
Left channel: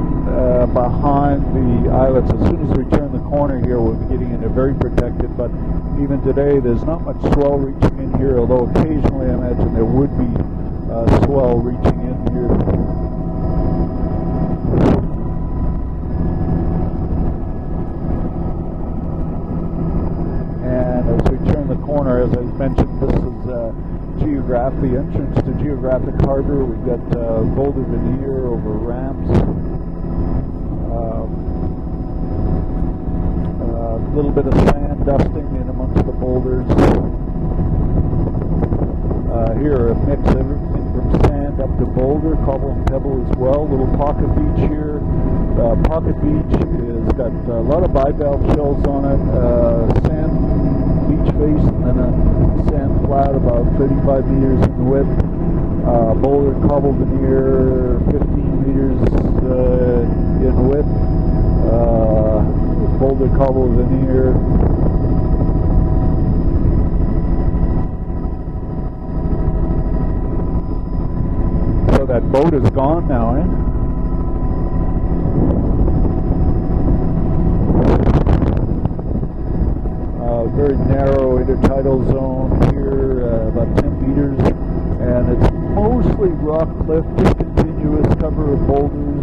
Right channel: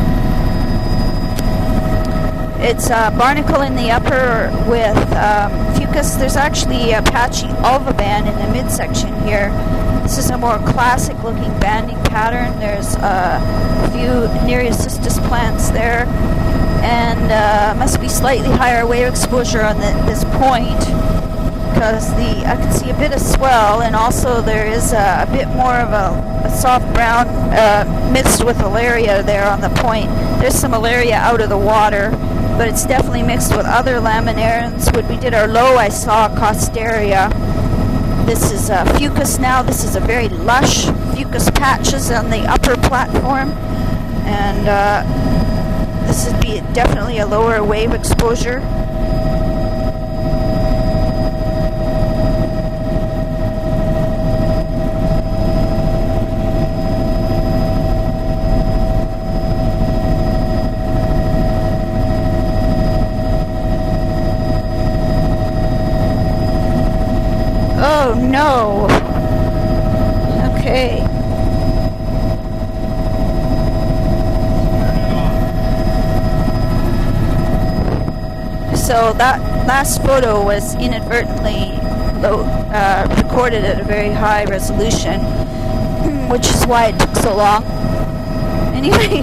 behind the Isla Pacifica. It's barnacle in the upper with fucus. There's actually a patchy alva band in the midsection here. This is a more classic looking banding pattern. There's a few Nereocystis plants there, and must be slightly higher wave exposure on this point, because I can see a bit of swell, and also there is a bit more of a soft brown mixed with alaria there on the point. There's some alaria out of the water, but it's definitely mixed with other laminarians. When we did our low, I saw Costaria. This is fucus now. This is a very lush fucus patches on the upper platform, and this would be definitely a lower wave exposure. About 35 meters in width. Boulder cobbled near 15 meters in width. Boulder cobbles in here. Oh no. Okay. So that boat is gone now, eh? So that last photo was inadvertently recorded at a very high resolution, which is why it took so long. Anyway,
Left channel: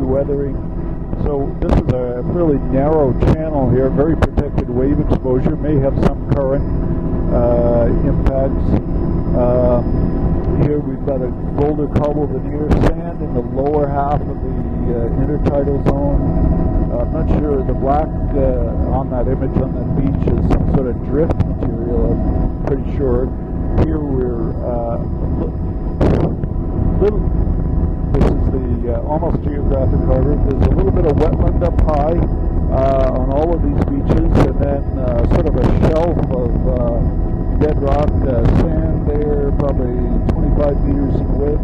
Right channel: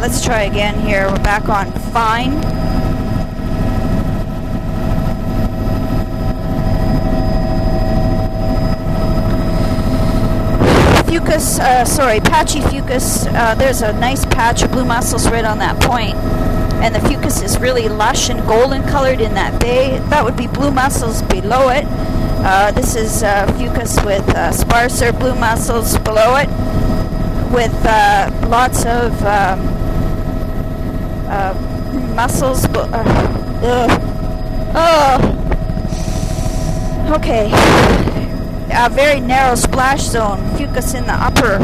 let's try again here. We're back on fine. Really narrow channel here, very protected wave exposure. May have some current impact. Fucus, patchy fucus. There's a nice patch of blue mussels right on that point. And the fucus is really lush and golden colored in that bay. That would be blue mussels below it. This is fucus with sparser blue mussels below it, with lots of mussels. Okay. A very narrow splash zone. Fucus in the upper,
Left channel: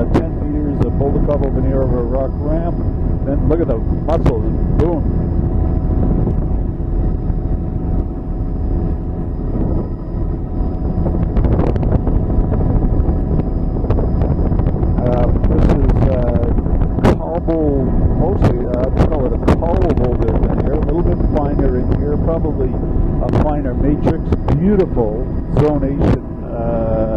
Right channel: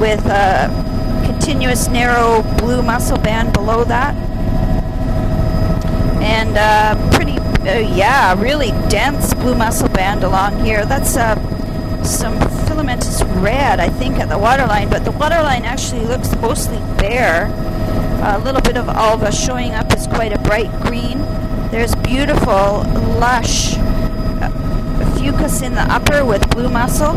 with continuous narrow blue mussel band below that. And pretty, really dense blue mussel band along here. That's some filamentous red, I think, at the waterline, but the waterline actually looks mostly bare. A little bit of alva showing up as quite a bright green. There's beautiful, lush fucus in the upper with blue mussel.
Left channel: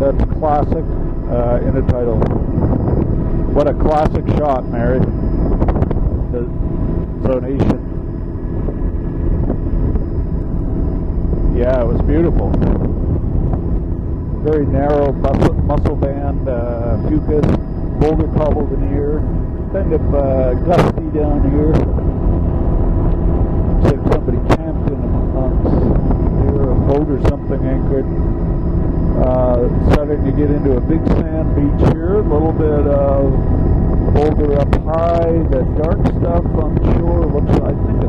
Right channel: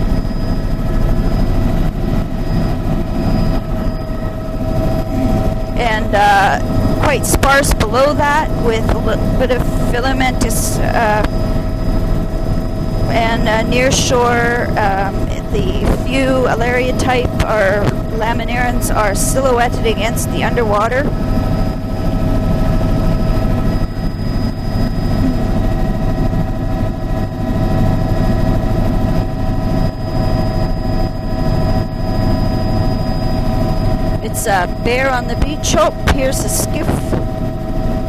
That's classic in the title. What a classic shot, Mary. And quite sparse below that with a little bit of filamentous. Yeah, it was beautiful. And near shore, the few alaria type or laminarians are silhouetted against the underwater. It's bare on the beach. Oh, here's a skiff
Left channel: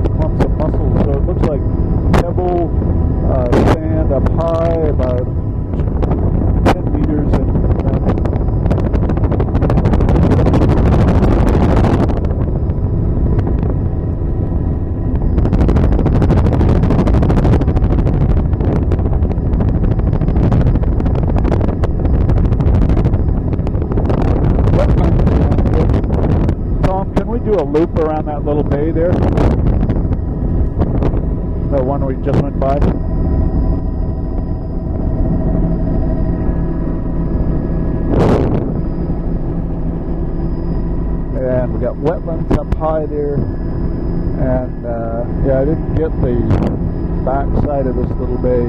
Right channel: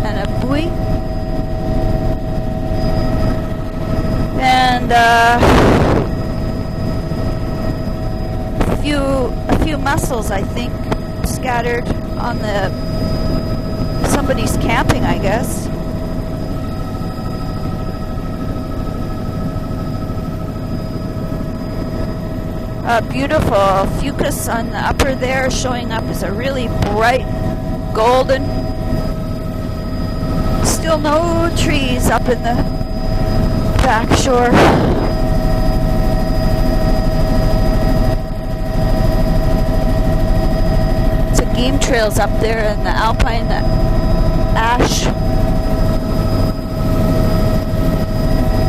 and a buoy. And a few mussels, I think, scattered on somebody's camping, I guess. Beautiful fucus on the upper there, showing up as a really bright golden. Still no trees up in the back shore. Some game trails up there in the alpine ash. Yeah, I didn't get the back side of it today.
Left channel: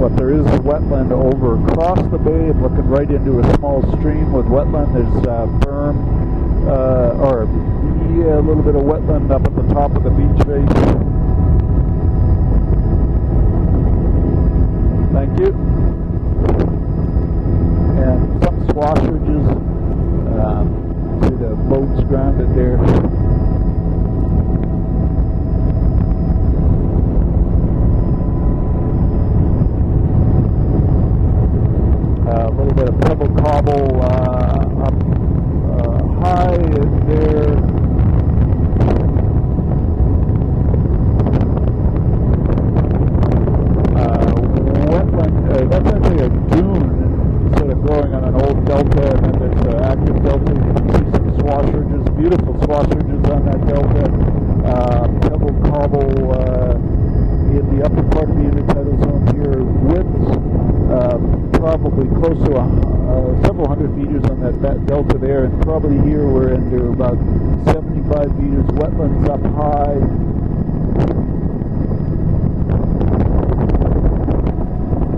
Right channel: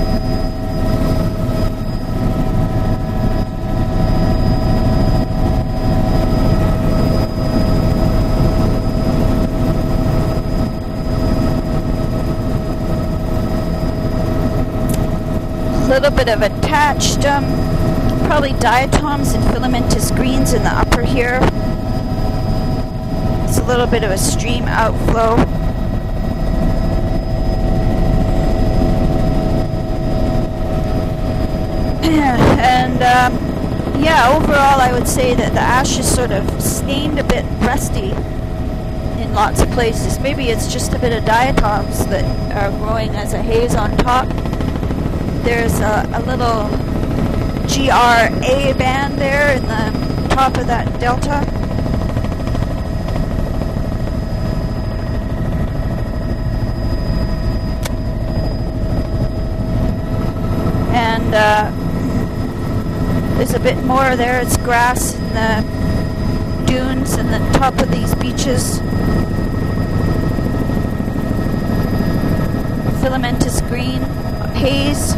But there is a wetland over across the bay and looking right into a small stream with wetland that's firm, a little bit of wetland up at the top of the beach. stream outflow. And yeah, overall I would say that the ash is sort of stained a bit rusty in lots of places. Maybe it's just a bit of diatoms that are growing as a haze on top. There's a little GRA band there in the top of that delta. Beautiful crossings on that delta. Pebble cobble, the upper part of the unit here is width. And there's a bit more there. It's grass in the dunes and the top of these beaches. Filamentous green haze.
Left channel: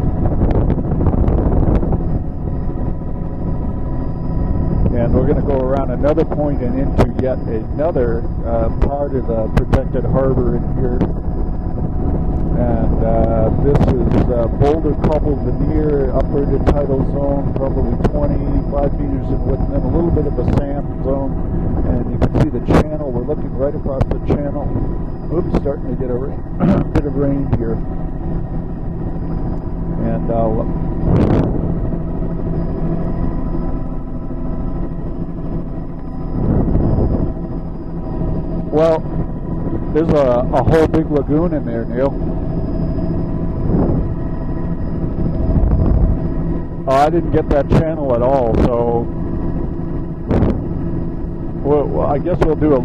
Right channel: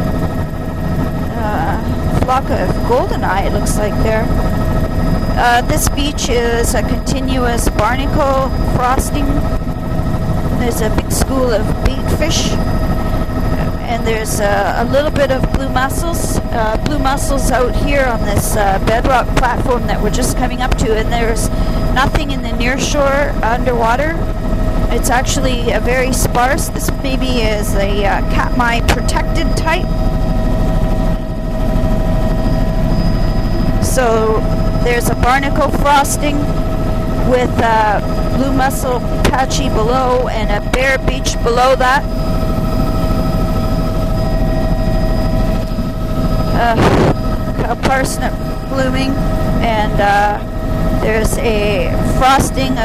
Flock of goldeneye, it looks like there. This beach is a continuous barnacle frosting. There's a big school of baitfish, and there's a little bit of blue mussels. Blue mussels out here on this bedrock platform that we're just coming up to, and there's nothing in the nearshore underwater. It's actually very sparse. This maybe is a Katmai protected type. So there's a barnacle frosting with blue mussel patchy below and a bare beach below that. A parsnip blooming, and there's a frosting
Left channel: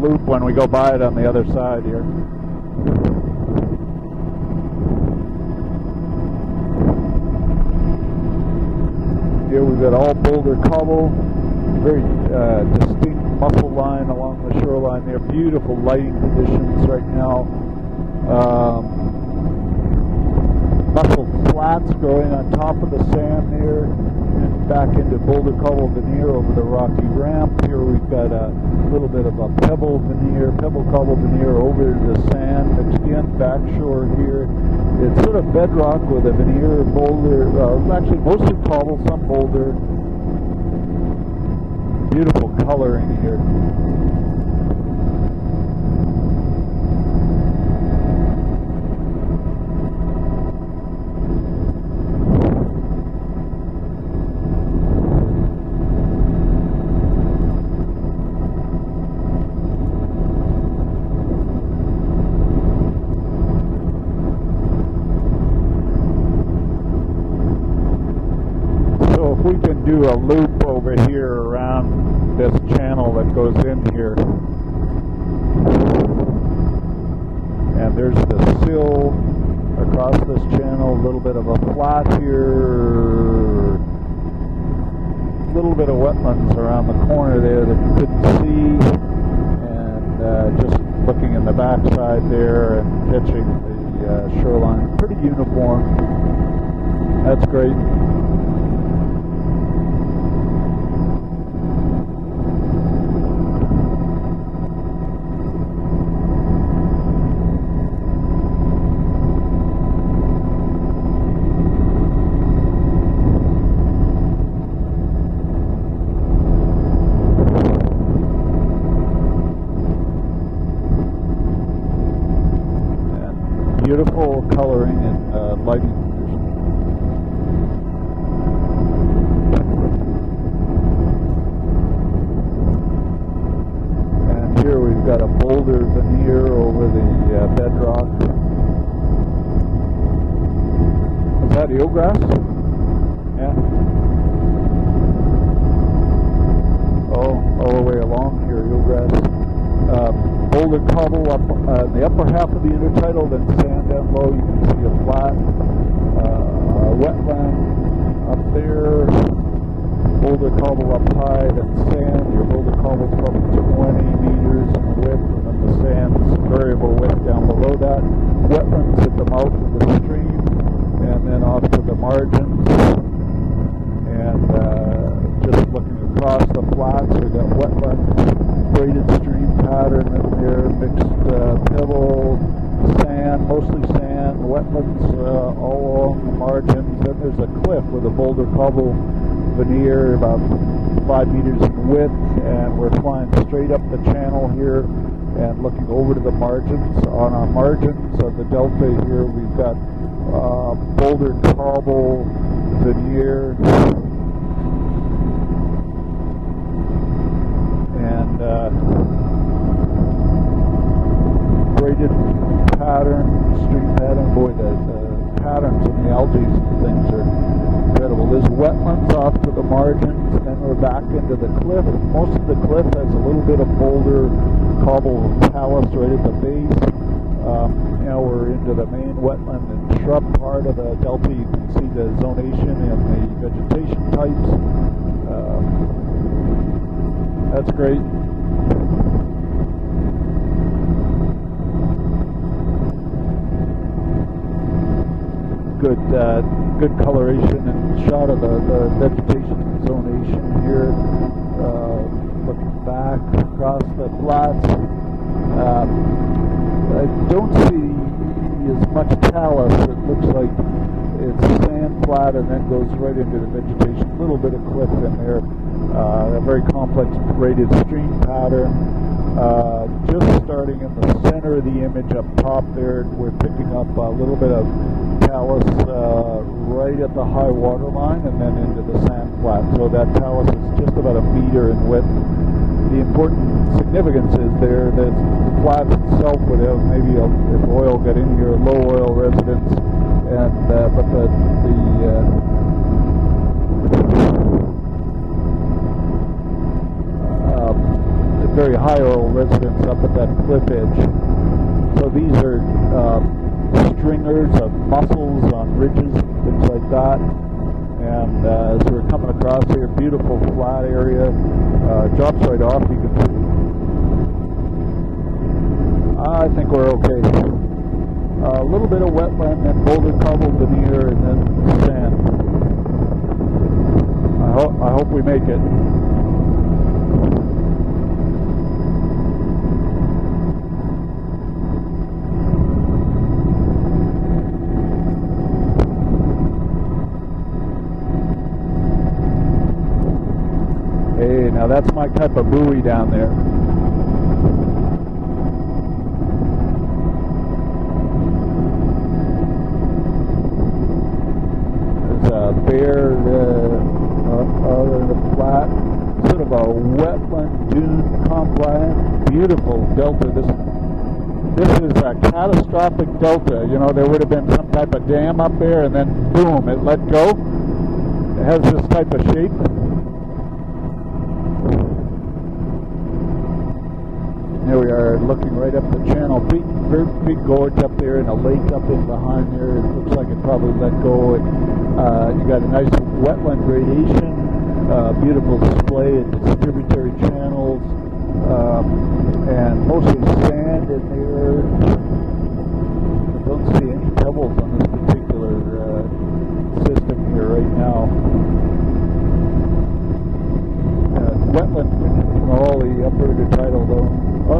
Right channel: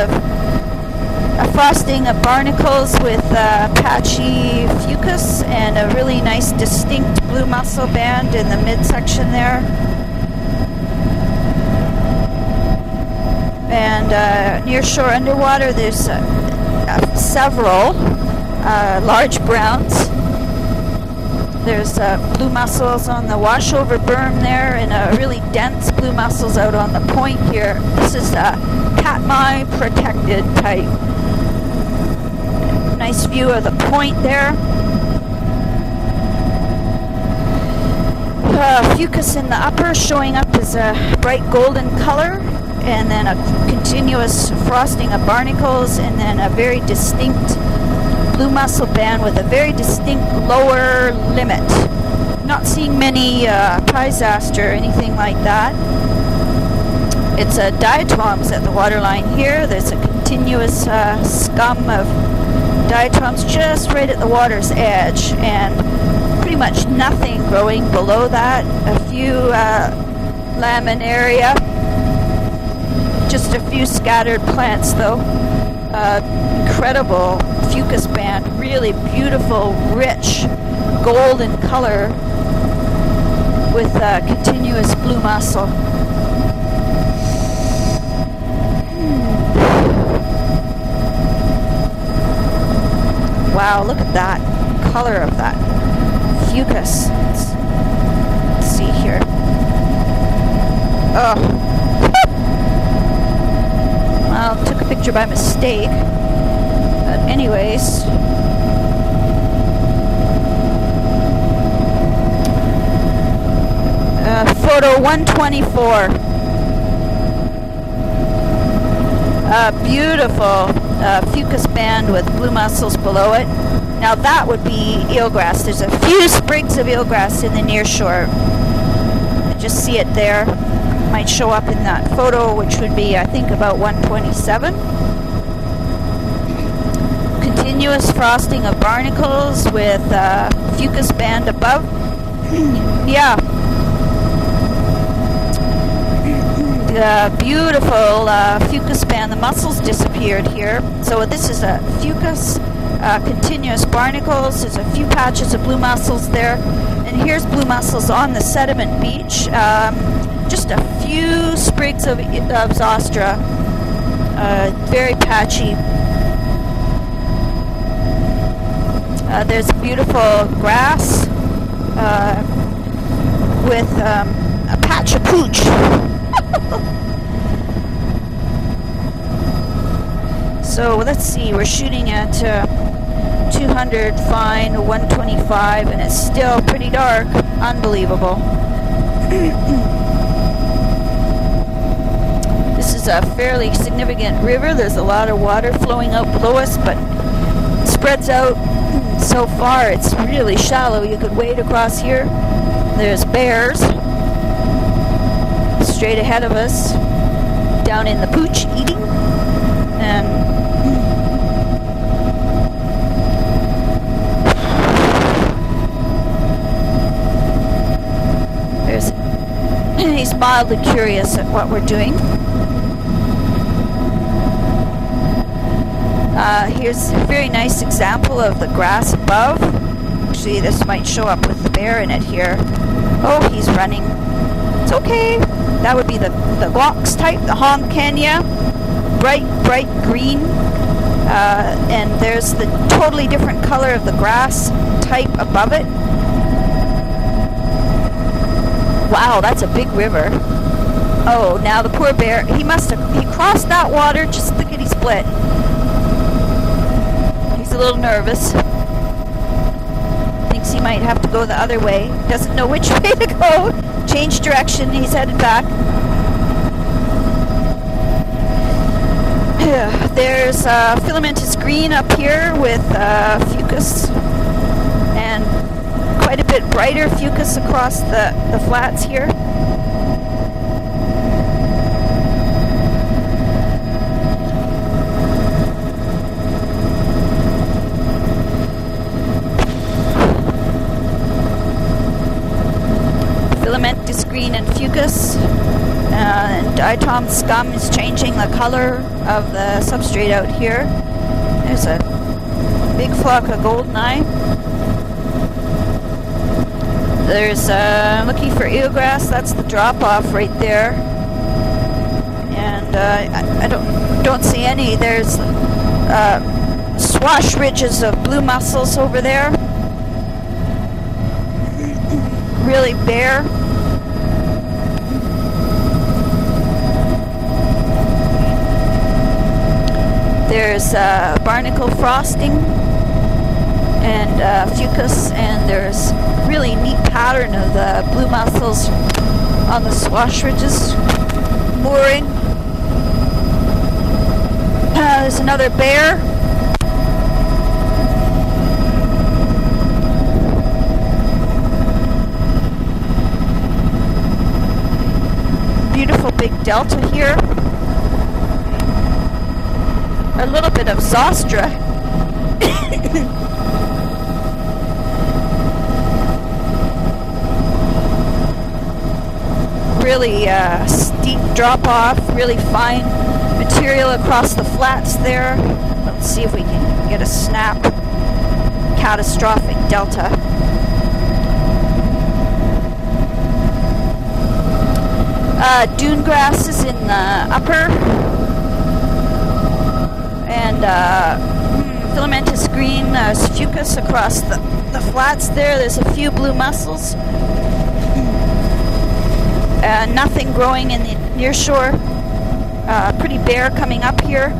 of barnacles with patchy fucus and a really nice distinct blue mussel band in the midsection there. And near shore underwater there's several large browns. There's blue mussels on the washover berm there, and really dense blue mussels out on the point here. This is a Katmai protected type. Nice view of the point there. Fucus in the upper showing up as a bright golden color, and then a continuous frosting of barnacles, and then a very distinct blue mussel band with a very distinct lower limit. Not seeing many Peisaster or anything like that. It's diatoms at the waterline here. There's a continuous scum of diatoms just right at the water's edge, and pretty much nothing growing below that. A few laminaria, just a few scattered plants though. Incredible fucus band, really beautiful, rich golden color with continuous blue mussel. Wow, look at that color of that fucus. That's great. Let's see here. Oh. Well, took a picture by mistake. But anyways. Photo 124. Beautiful fucus band with blue mussels below it. Beautiful. Now that would be eelgrass. There's a few sprigs of eelgrass in the near shore. You just see it there. Might show up in that photo, which would be, I think, about 127. Continuous frosting of barnacles with fucus band above. Yeah. Beautiful fucus band. The mussels disappeared here. So this is a fucus, continuous barnacles. There's a few patches of blue mussels there. And here's blue mussels on the sediment beach. Just a few sprigs of Zostra. Very patchy. There's beautiful grass with a patch of pooch. So let's see, we're shooting at 200 fine, 125, and it's still pretty dark. Unbelievable. This This is a fairly significant river. There's a lot of water flowing out below us, but it spreads out so far. It's really shallow. You could wade across here. There's bears straight ahead of us, down in the pooch eating. And he's mildly curious at what we're doing. Here's a very nice example of the grass above. Actually, this might show up with the bear in it here. Oh, he's running. It's okay. That would be the Glox type, the Hong Kenya. Bright green. And there's the totally different color of the grass type above it. Good coloration shot of it. Wow, that's a big river. Oh, now the poor bear, he crossed that water just lickety split. He's a little nervous. Thinks he might have to go the other way. Doesn't know which way to go. Change direction, he's headed back. Very complex graded stream pattern. There's filamentous green up here with fucus, and quite a bit brighter fucus across the flats here. So that talent is just about a meter in width. The important significance is there that the flat itself would have maybe an oil getting to a low oil residence, and filamentous green and fucus. And diatom scum is changing the color of the substrate out here. There's a big flock of goldeneye. There's looking for eelgrass. That's the drop-off right there. And I don't see any. There's swash ridges of blue mussels over there. Really bare. I hope we make it. There's barnacle frosting and fucus, and there's really neat pattern of the blue mussels on the swash ridges. Hey, now that's mooring. Type of buoy down there. There's another bear. Beautiful big delta here. Beautiful delta. A little bit of Zostra. This is a catastrophic delta. You know, there would have been some type of dam up there, and then boom, it let go. It has this type of shape. Really steep drop off, really fine material across the flats there. Let's see if we can get a snap. Catastrophic delta. Probably let go. You got a nice wetland gradation. Dune grass is in the upper, and filamentous green fucus across the flats there. There's a few blue mussels. Nothing growing in the near shore. Pretty bare coming up here.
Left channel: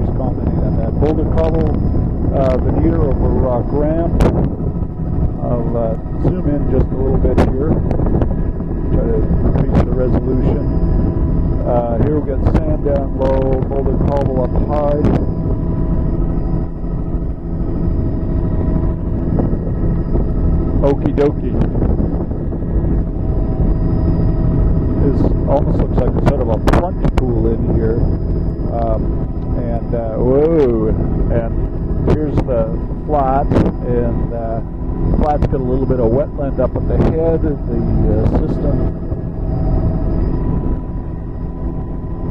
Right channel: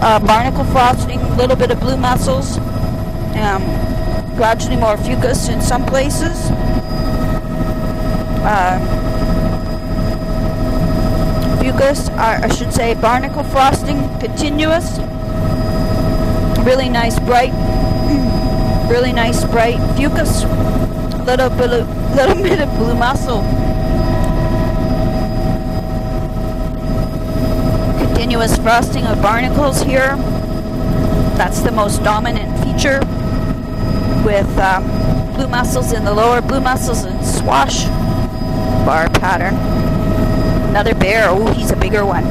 Barnacle frosting, a little bit of blue mussels. Gradually more fucus in some places. Fucus, I should say barnacle frosting, continuous. Really nice bright fucus. Little bit of blue mussel. Continuous frosting of barnacles here. That's the most dominant feature, with blue mussels in the lower, blue mussels in swash bar pattern. Another bear. Oh, he's a bigger one.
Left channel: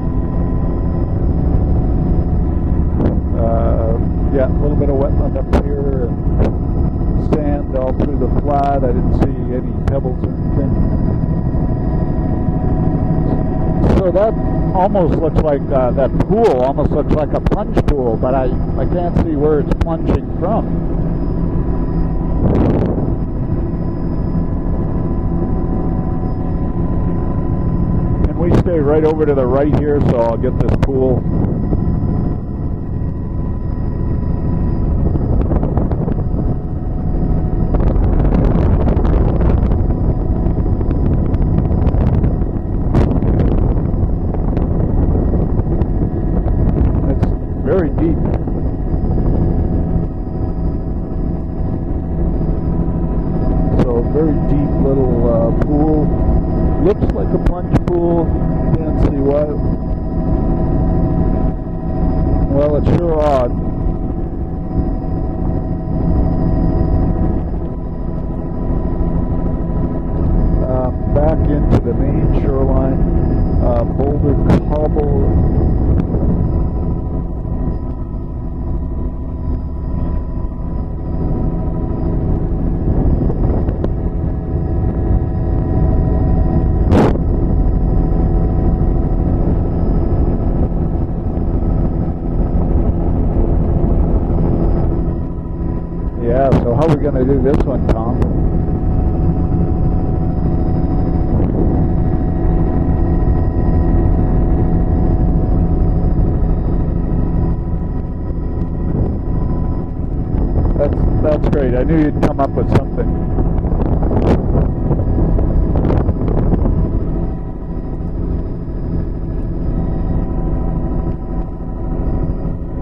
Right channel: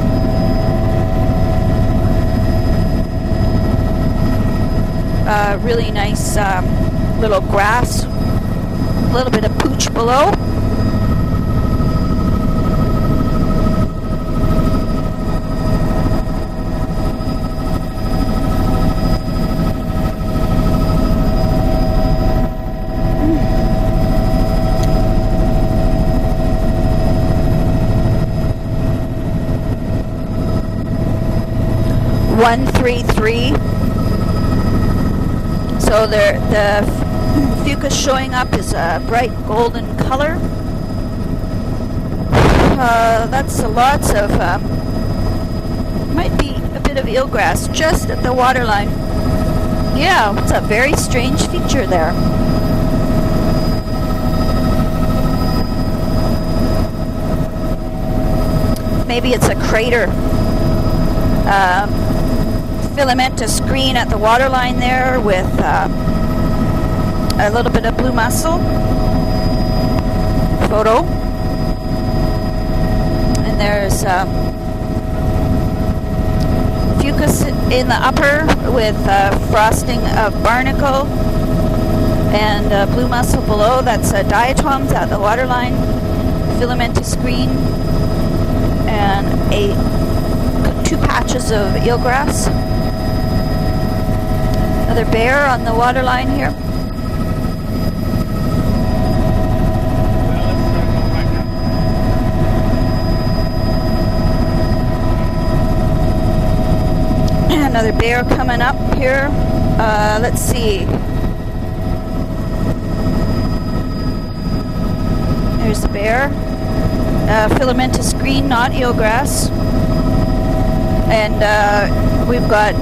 Really nice little grass. A little bit of pooch below. So that almost looks like that pool almost looks like a punch pool, but I can't see where it's punching from. Can we stay right over to the right here so I'll get this pool? 133. So the fucus showing up is a bright golden color. That's lots of, might be a bit of eelgrass just at the waterline. Yeah, it's a very strange feature there. So very deep little pool. Looks like a plunge pool. Maybe it's a crater. Filamentous green at the waterline there with a little bit of blue mussel. Photo. Back into the main shoreline. And there's fucus in the upper with frosting of barnacle and blue mussel below. That's diatoms at the waterline. Filamentous green and two patches of eelgrass. Another bear on the waterline here. So how are we going to do this one, Tom? Another bear coming up here. Let's see. That's great. I knew you'd come up with something. There's the bear. Filamentous green, not eelgrass. And we've got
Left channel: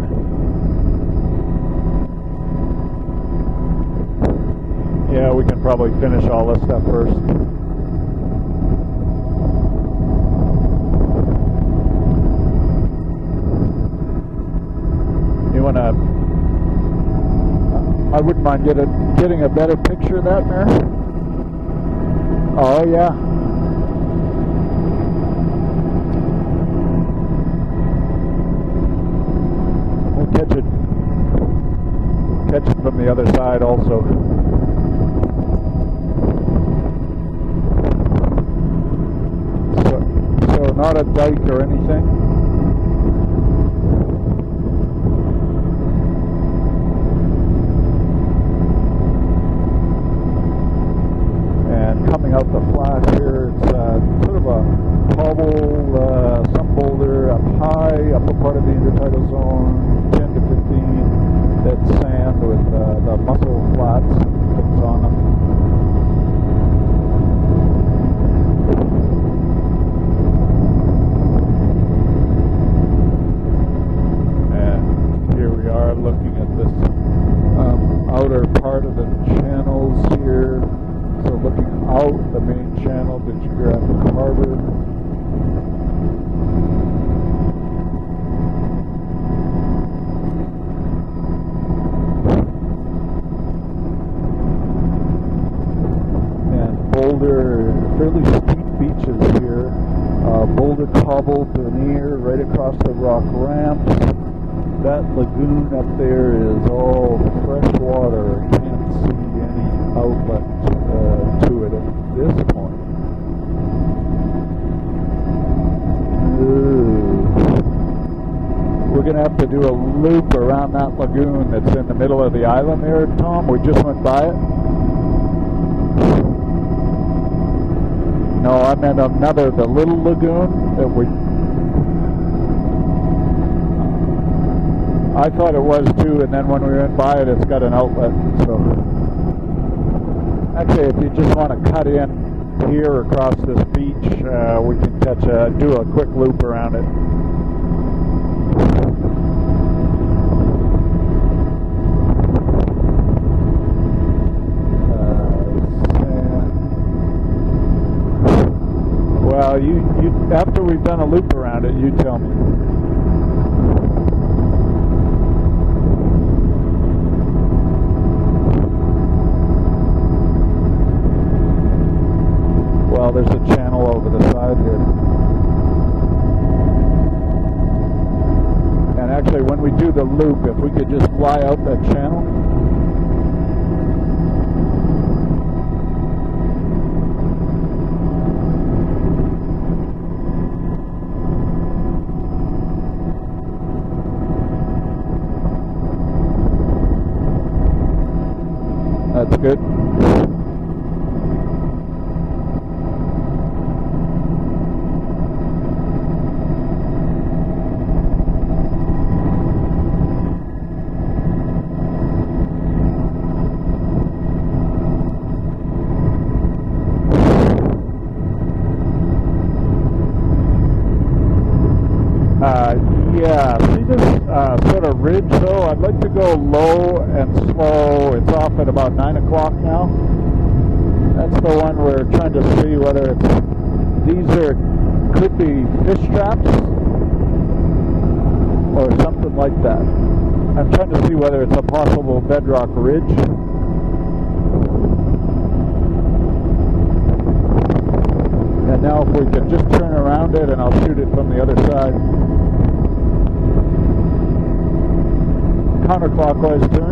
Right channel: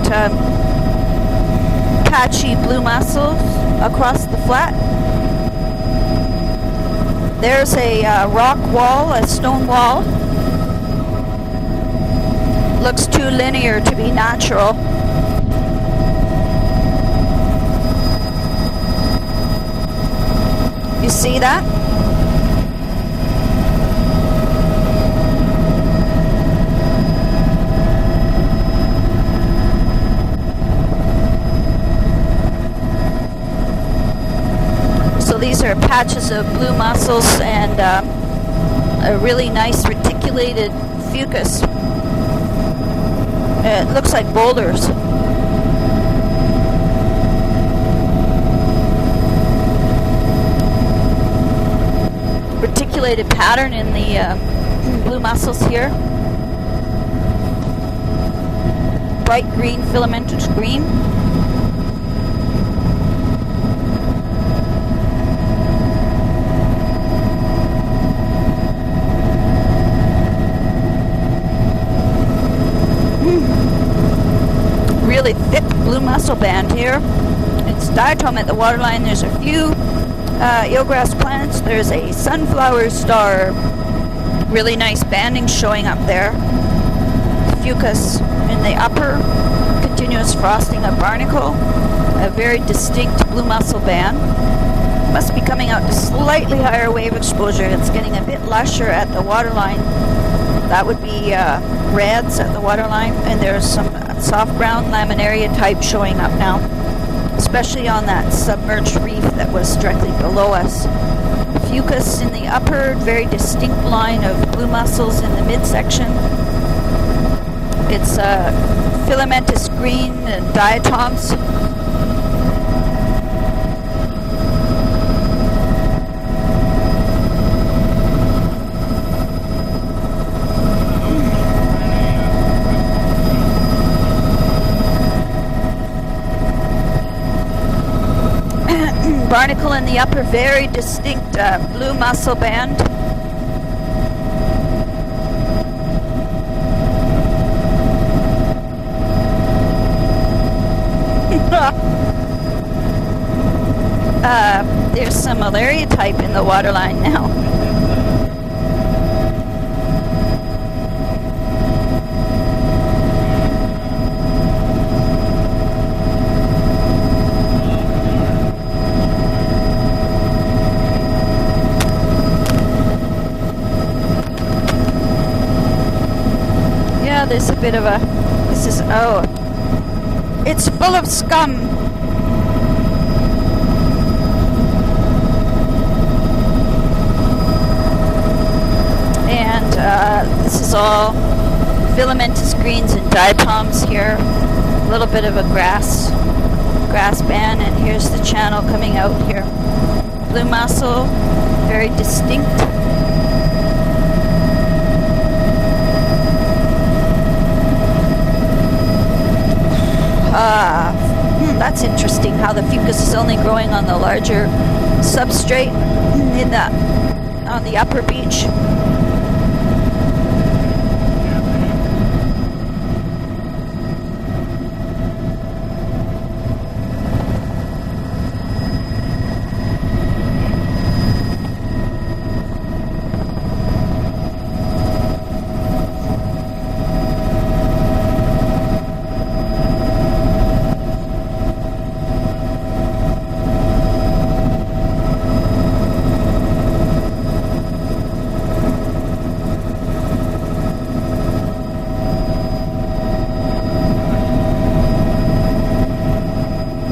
patchy blue mussels across the flat. Yeah, we can probably finish all this stuff first. There's a rock wall, a stone wall. Looks too linear to be natural. You want to... I wouldn't mind getting a better picture of that there. You see that? Oh, yeah. Catch it from the other side also. So these are patches of blue mussels and a really nice reticulated not a fucus. dike or anything. It looks like boulders. Reticulated pattern in the blue mussels here. Bright green, filamentous green. Really thick blue mussel band here. It's diatom at the waterline. There's a few eelgrass plants. There's a sunflower star. Really nice banding showing up there. Fucus in the upper. Continuous frosting of barnacle. A very distinct blue mussel band. Must be coming out to slightly higher wave exposure. It's getting a bit lusher at the waterline. That would be reds at the waterline, and there's some soft ground laminaria type showing up now, especially on that submerged reef that was directly below us. Fucus in the upper, very distinct line of blue mussels in the midsection. It's filamentous green and diatoms. It's in the middle of the island here, Tom. We just went by it. No, I meant another, the little lagoon that we... I thought it was too, and then when we went by it, it's got an outlet. So. Barnacle in the upper, very distinct blue mussel band. Here across the beach, we can do a quick loop around it. There's some malaria type in the waterline now. Well, you after we've done a loop around it, you tell me. Well, there's a channel over the side there. Yeah, there's a bit of a... This is... Oh. Actually, when we do the loop... It's full of scum. This is all filamentous greens and diatoms here. A little bit of a grass band, and here's the channel coming out. That's here. Good. Blue mussel, very distinct. That's interesting how the fucus is only growing on the larger substrate on the upper beach. Yeah, see this sort of ridge though? I'd like to go low and slow. It's off at about 9 o'clock now. That's the one we're trying to see whether these could be fish traps or something like that. I'm trying to see whether it's a possible bedrock ridge. And now if we can just turn around it and I'll shoot it from the other side. Counterclockwise turn.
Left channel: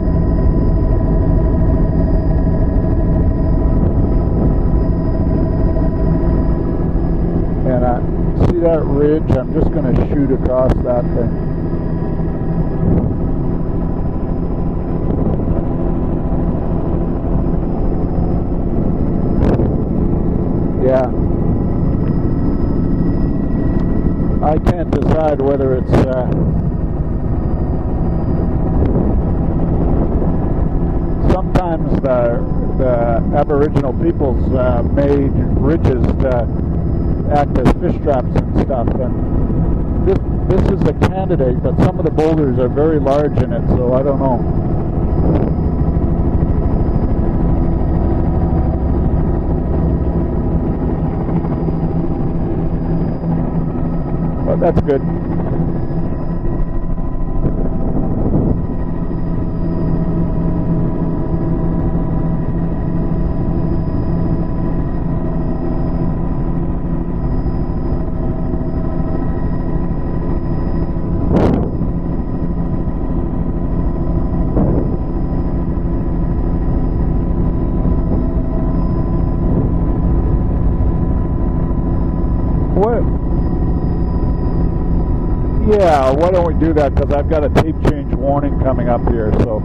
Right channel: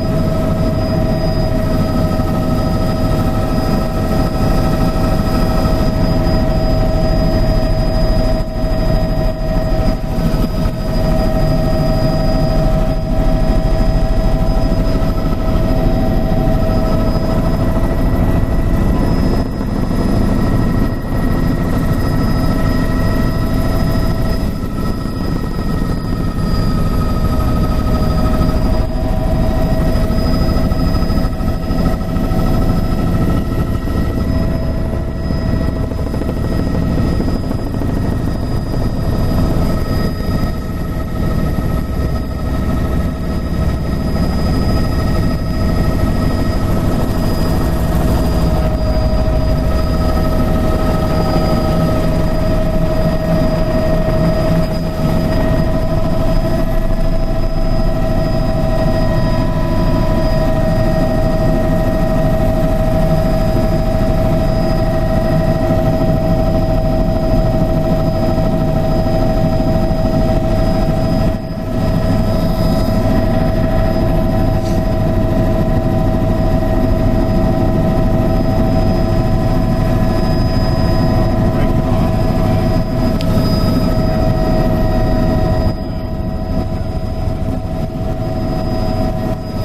And see that ridge? I'm just going to shoot across that thing. Yeah. I can't decide whether it's sometimes the Aboriginal peoples made ridges act as fish traps and stuff. And this is the candidate, but some of the boulders are very large in it, so I don't know. That's good. Yeah, why don't we do that, because I've got a tape change warning coming up here, so